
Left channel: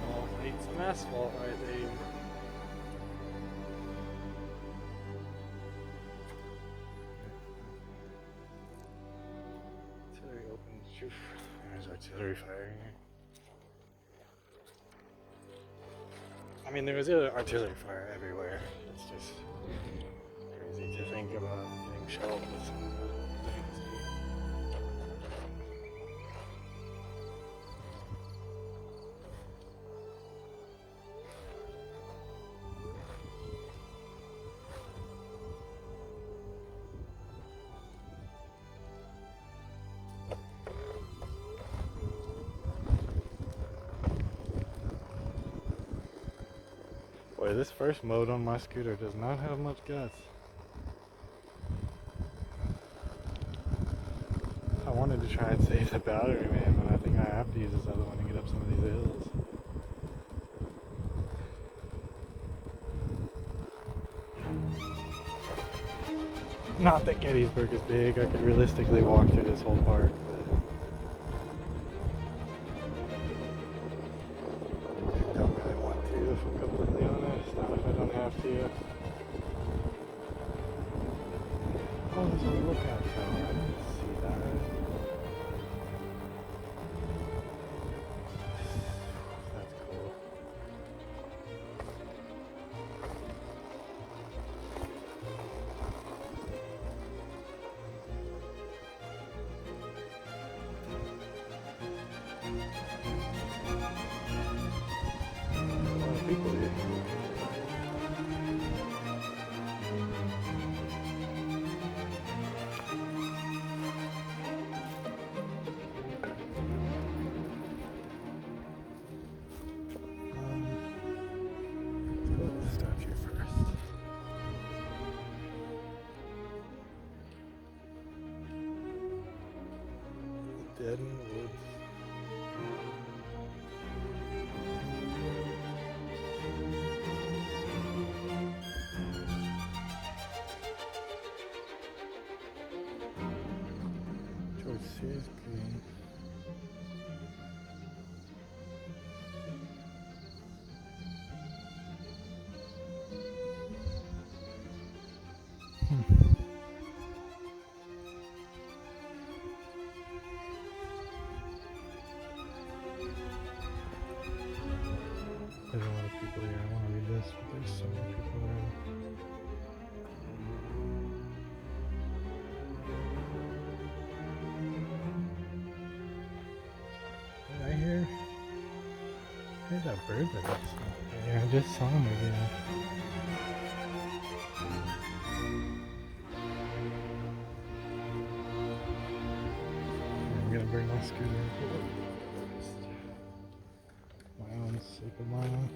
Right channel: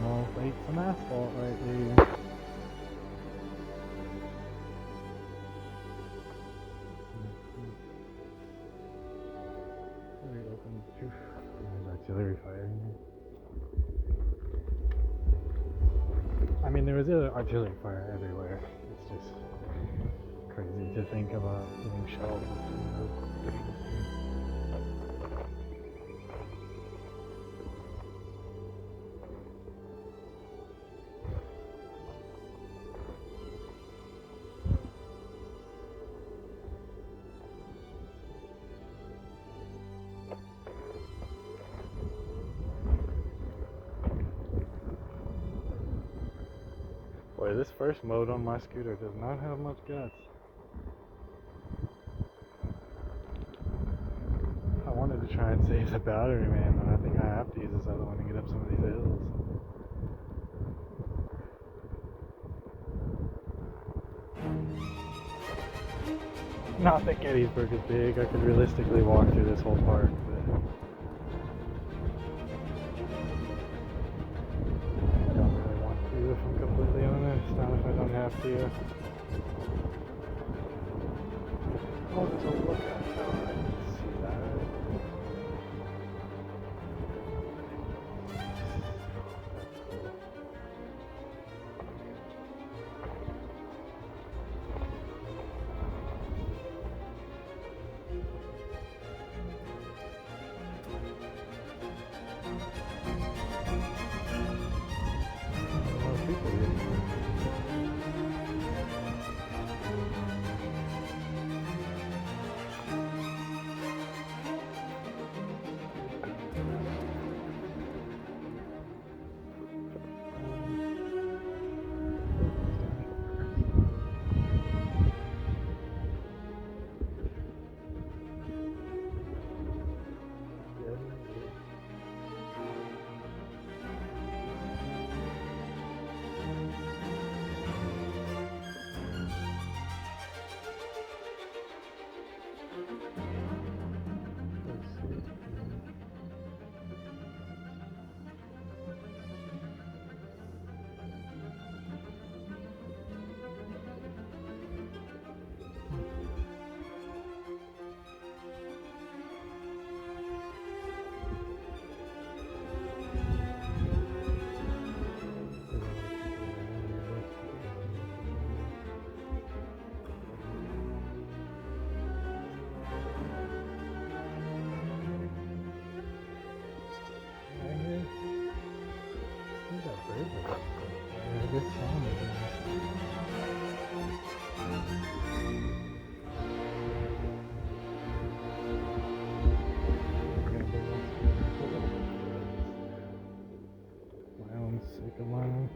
Almost ate some asphalt right there. Artillery open. There's artillery fire here. I mean, there was artillery fire everywhere. It's just crazy to think about getting shelled with some of those things. Boy, this first mode on my scooter does not have much guts. I wanted to try and save the battery, man, but I think I have to use this other one to get up some of these hills. Not that Gettysburg is big. I could realistically walk through this whole park. I don't really want to, if I'm completely honest. Not if I don't have to. Oh, there's a look at it. I can see that. That's cool. A lot of people here. There's a lot of people here. I want to read this, but there's so many people around. Did I hear? There's that bird that got stuck there. I just saw him again. I'm gonna bring my scooter. My own super mile.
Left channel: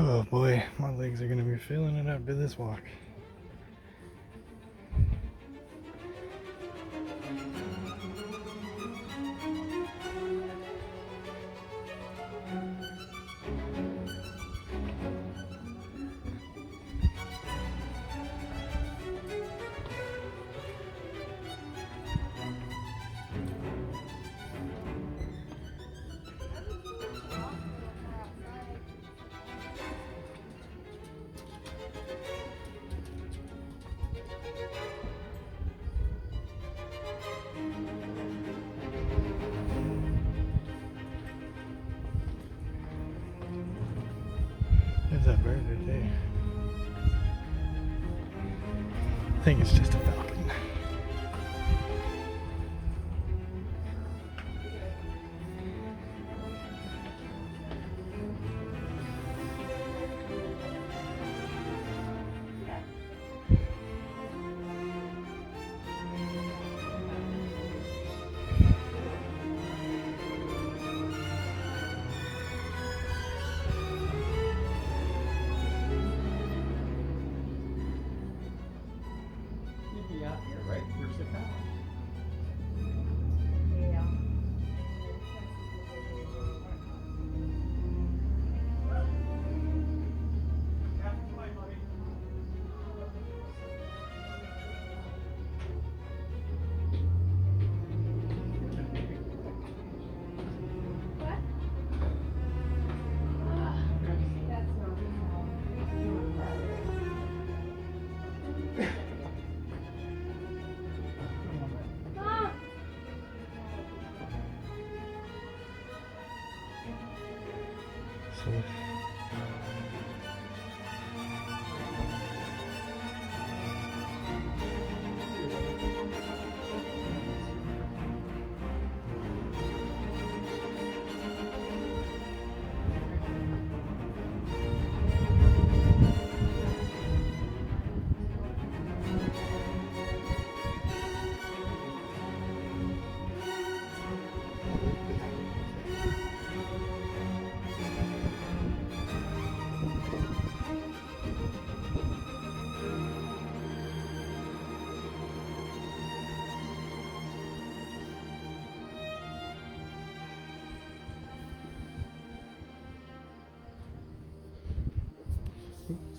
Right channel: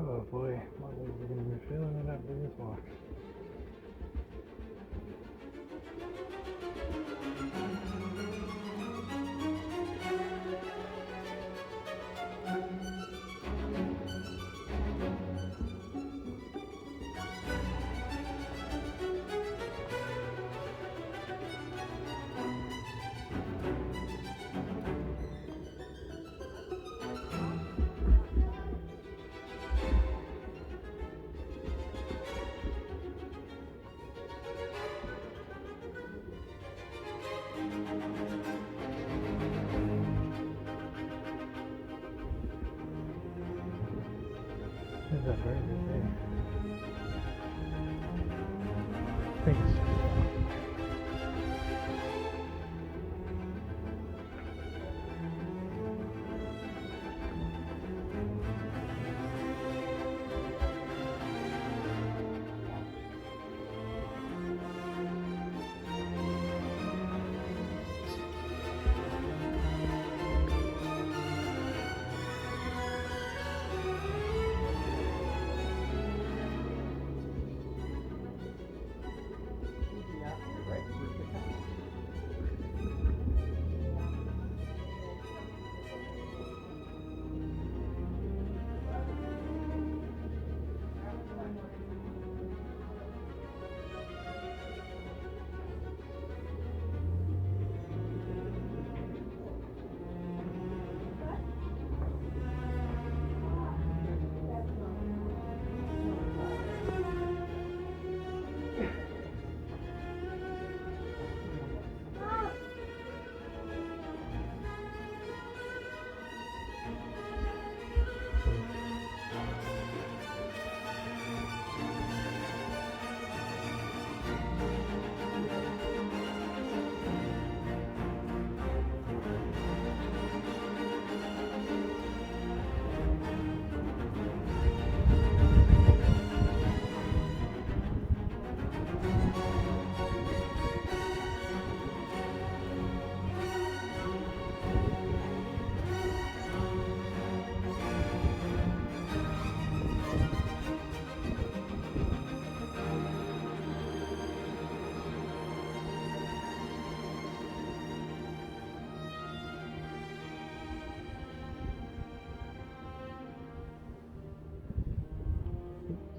Oh boy, my legs are gonna be feeling it after this walk. that bird right there? I think it's just a falcon.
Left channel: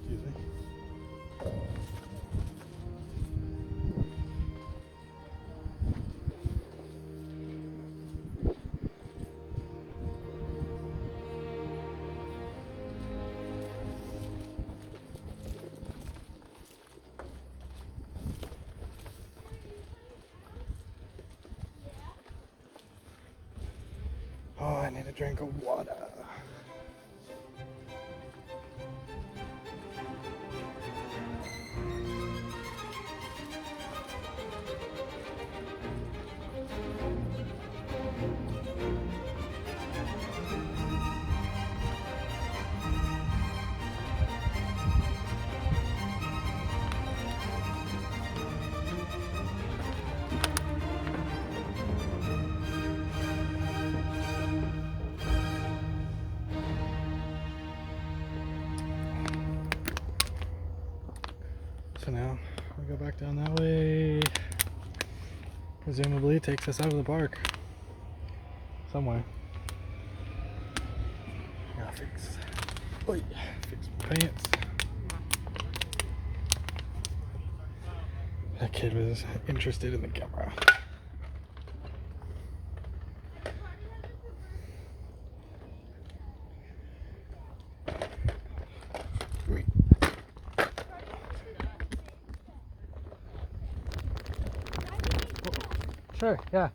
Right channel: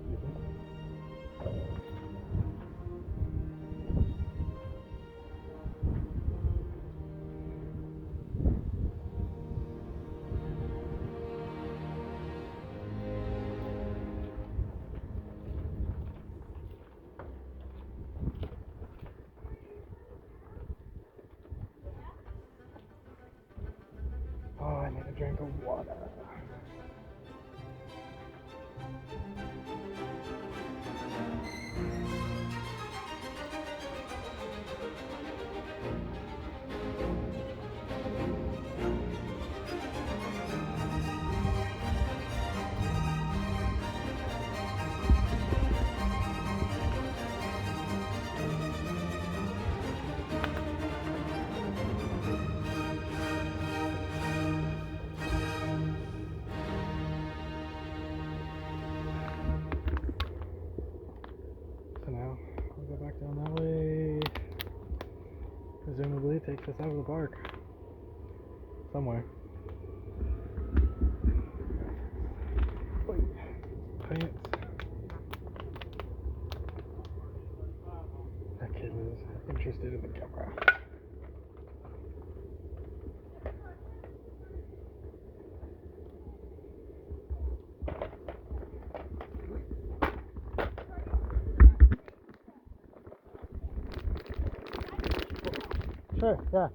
Excuse me. Oh, I need a drink of water. So now we go back down that way. Presumably takes us out of the park. Somewhere. Gotta fix my pants. That kid was interested in the camera. Sure, yeah.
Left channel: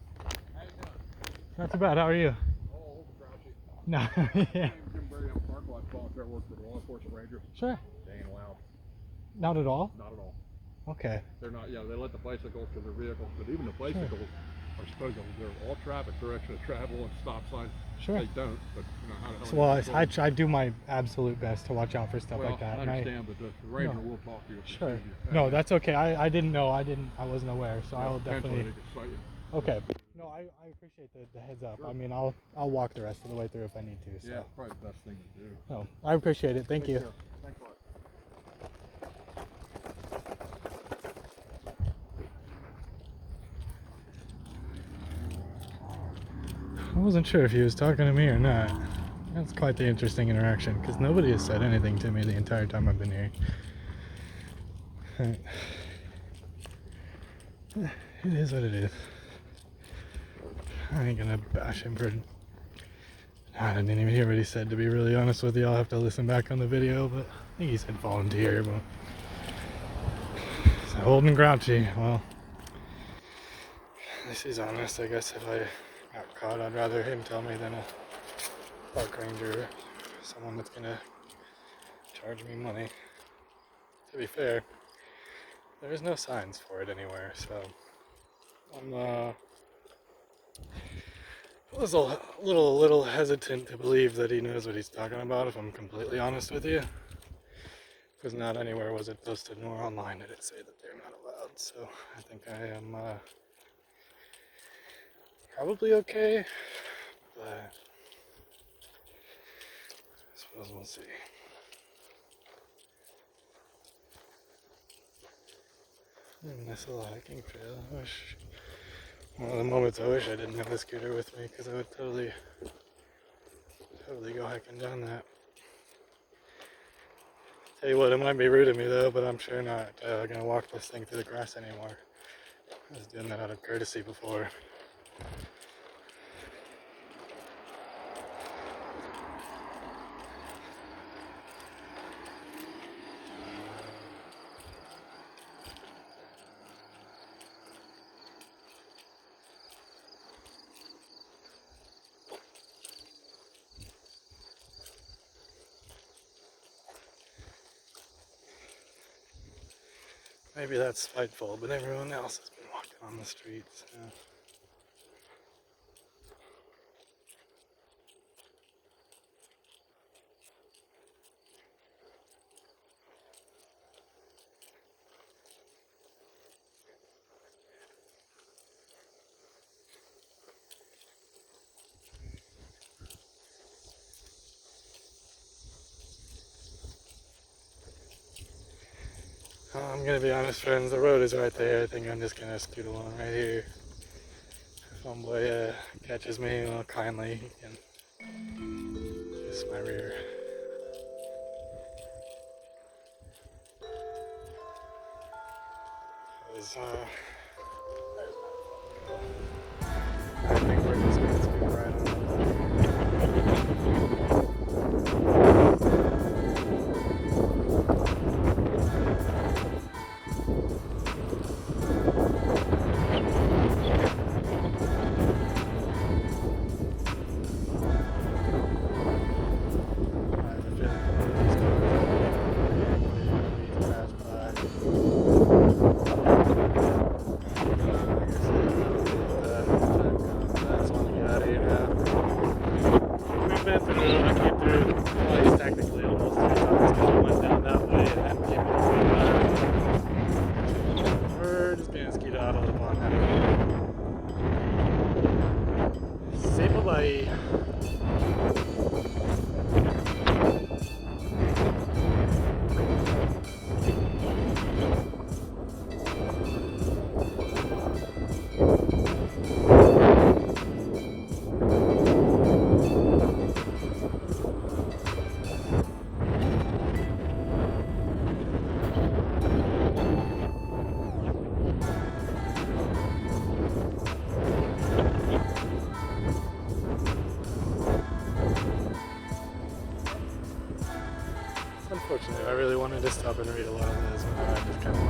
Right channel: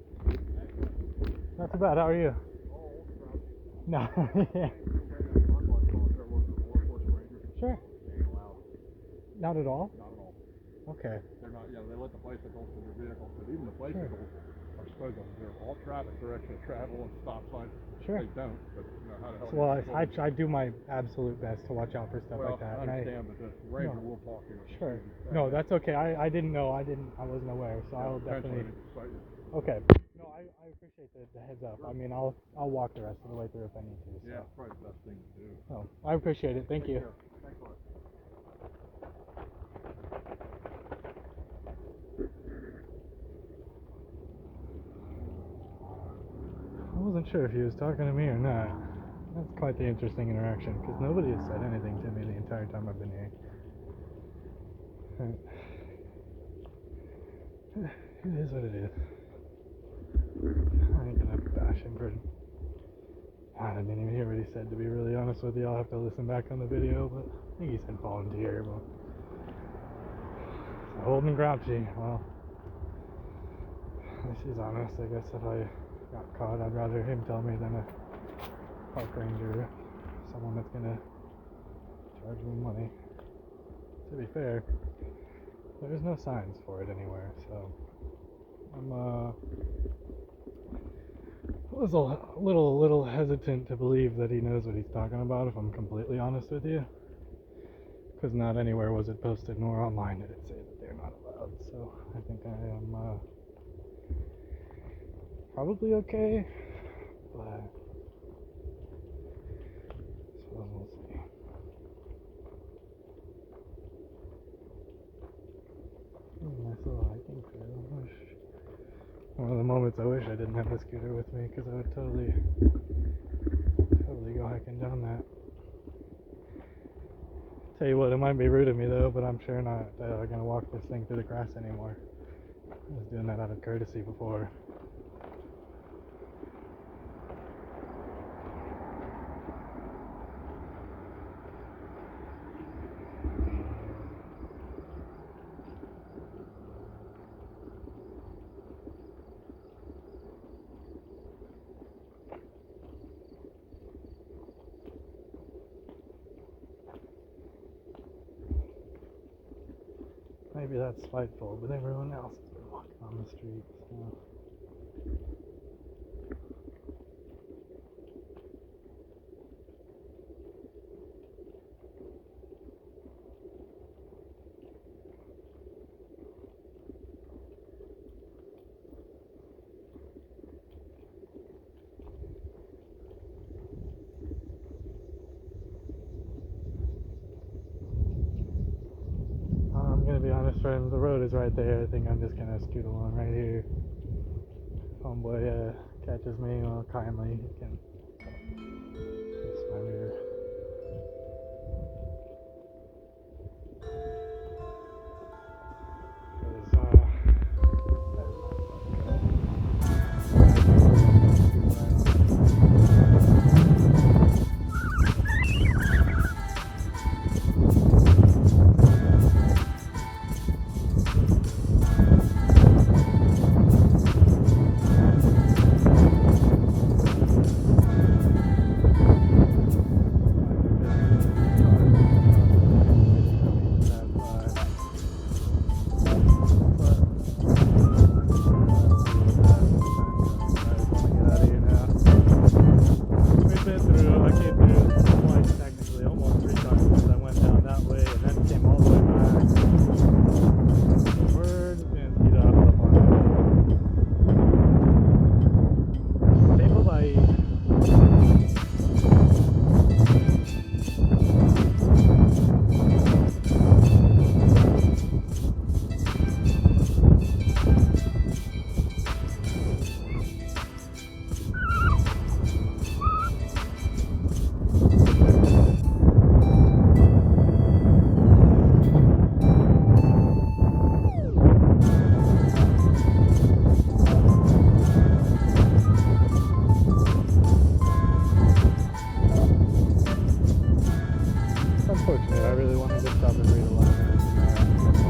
Not too bad. How are you? No. Yeah. Sure. They ain't allowed. Not at all? Not at all. Okay. They're not, yeah, they let the bicycles to their vehicles, but even the bicycles are supposed to, they're all traffic direction of travel and stop signs. Sure. They don't, but you know, how the hell Well, I do my absolute best to watch out for stuff like that. I understand, but the ranger will talk to you. Sure. No, that's okay. I didn't know. I wasn't aware, so I will definitely. Okay. No, I appreciate the heads up. Sure. I mean, I'll walk the rest of the way through if I need to. So. Yeah, probably the best thing to do. No, I appreciate it. Thank you. Care. Thanks a lot. I wasn't sure if he was talking to me or not. That's quite the interesting interaction because nobody has said anything to me the entire time I've been here. It is what it is. I ain't gonna bash him for. I didn't even hear what he said, to be really honest with you. I'll have to listen back on the video, but I think he said volunteer. But he's old and grouchy. Well, this is honest. I guess if I got caught, I'd rather him tell me than a park ranger or someone that's gonna charge me money. To be fair, there's no signs for it anywhere, so I'm was a little hesitant to believe that he knows what he's talking about, if I'm completely honest with you. Because not anywhere was it posted, nor online did it say that they're not allowed. So I think I am probably okay, but I suppose we'll see. Nice little hiking trail. One of the moments I wish I didn't have the scooter with me, because I would totally go hiking down that. Tell you what, it might be rude of me though, but I'm sure not gonna walk this thing through the grass anymore. I was doing that out of courtesy before. Maybe that's spiteful, but everyone else has been walking on the streets. Yeah. I'm gonna be honest, friends, the road is right there. I think I'm just gonna scoot along right here. If homeboy catches me kindly, he can kiss my rear. There's my phone. I think we're just gonna scoot right Unfortunately, I really wanted to stop and read a lot of this, and I just kind of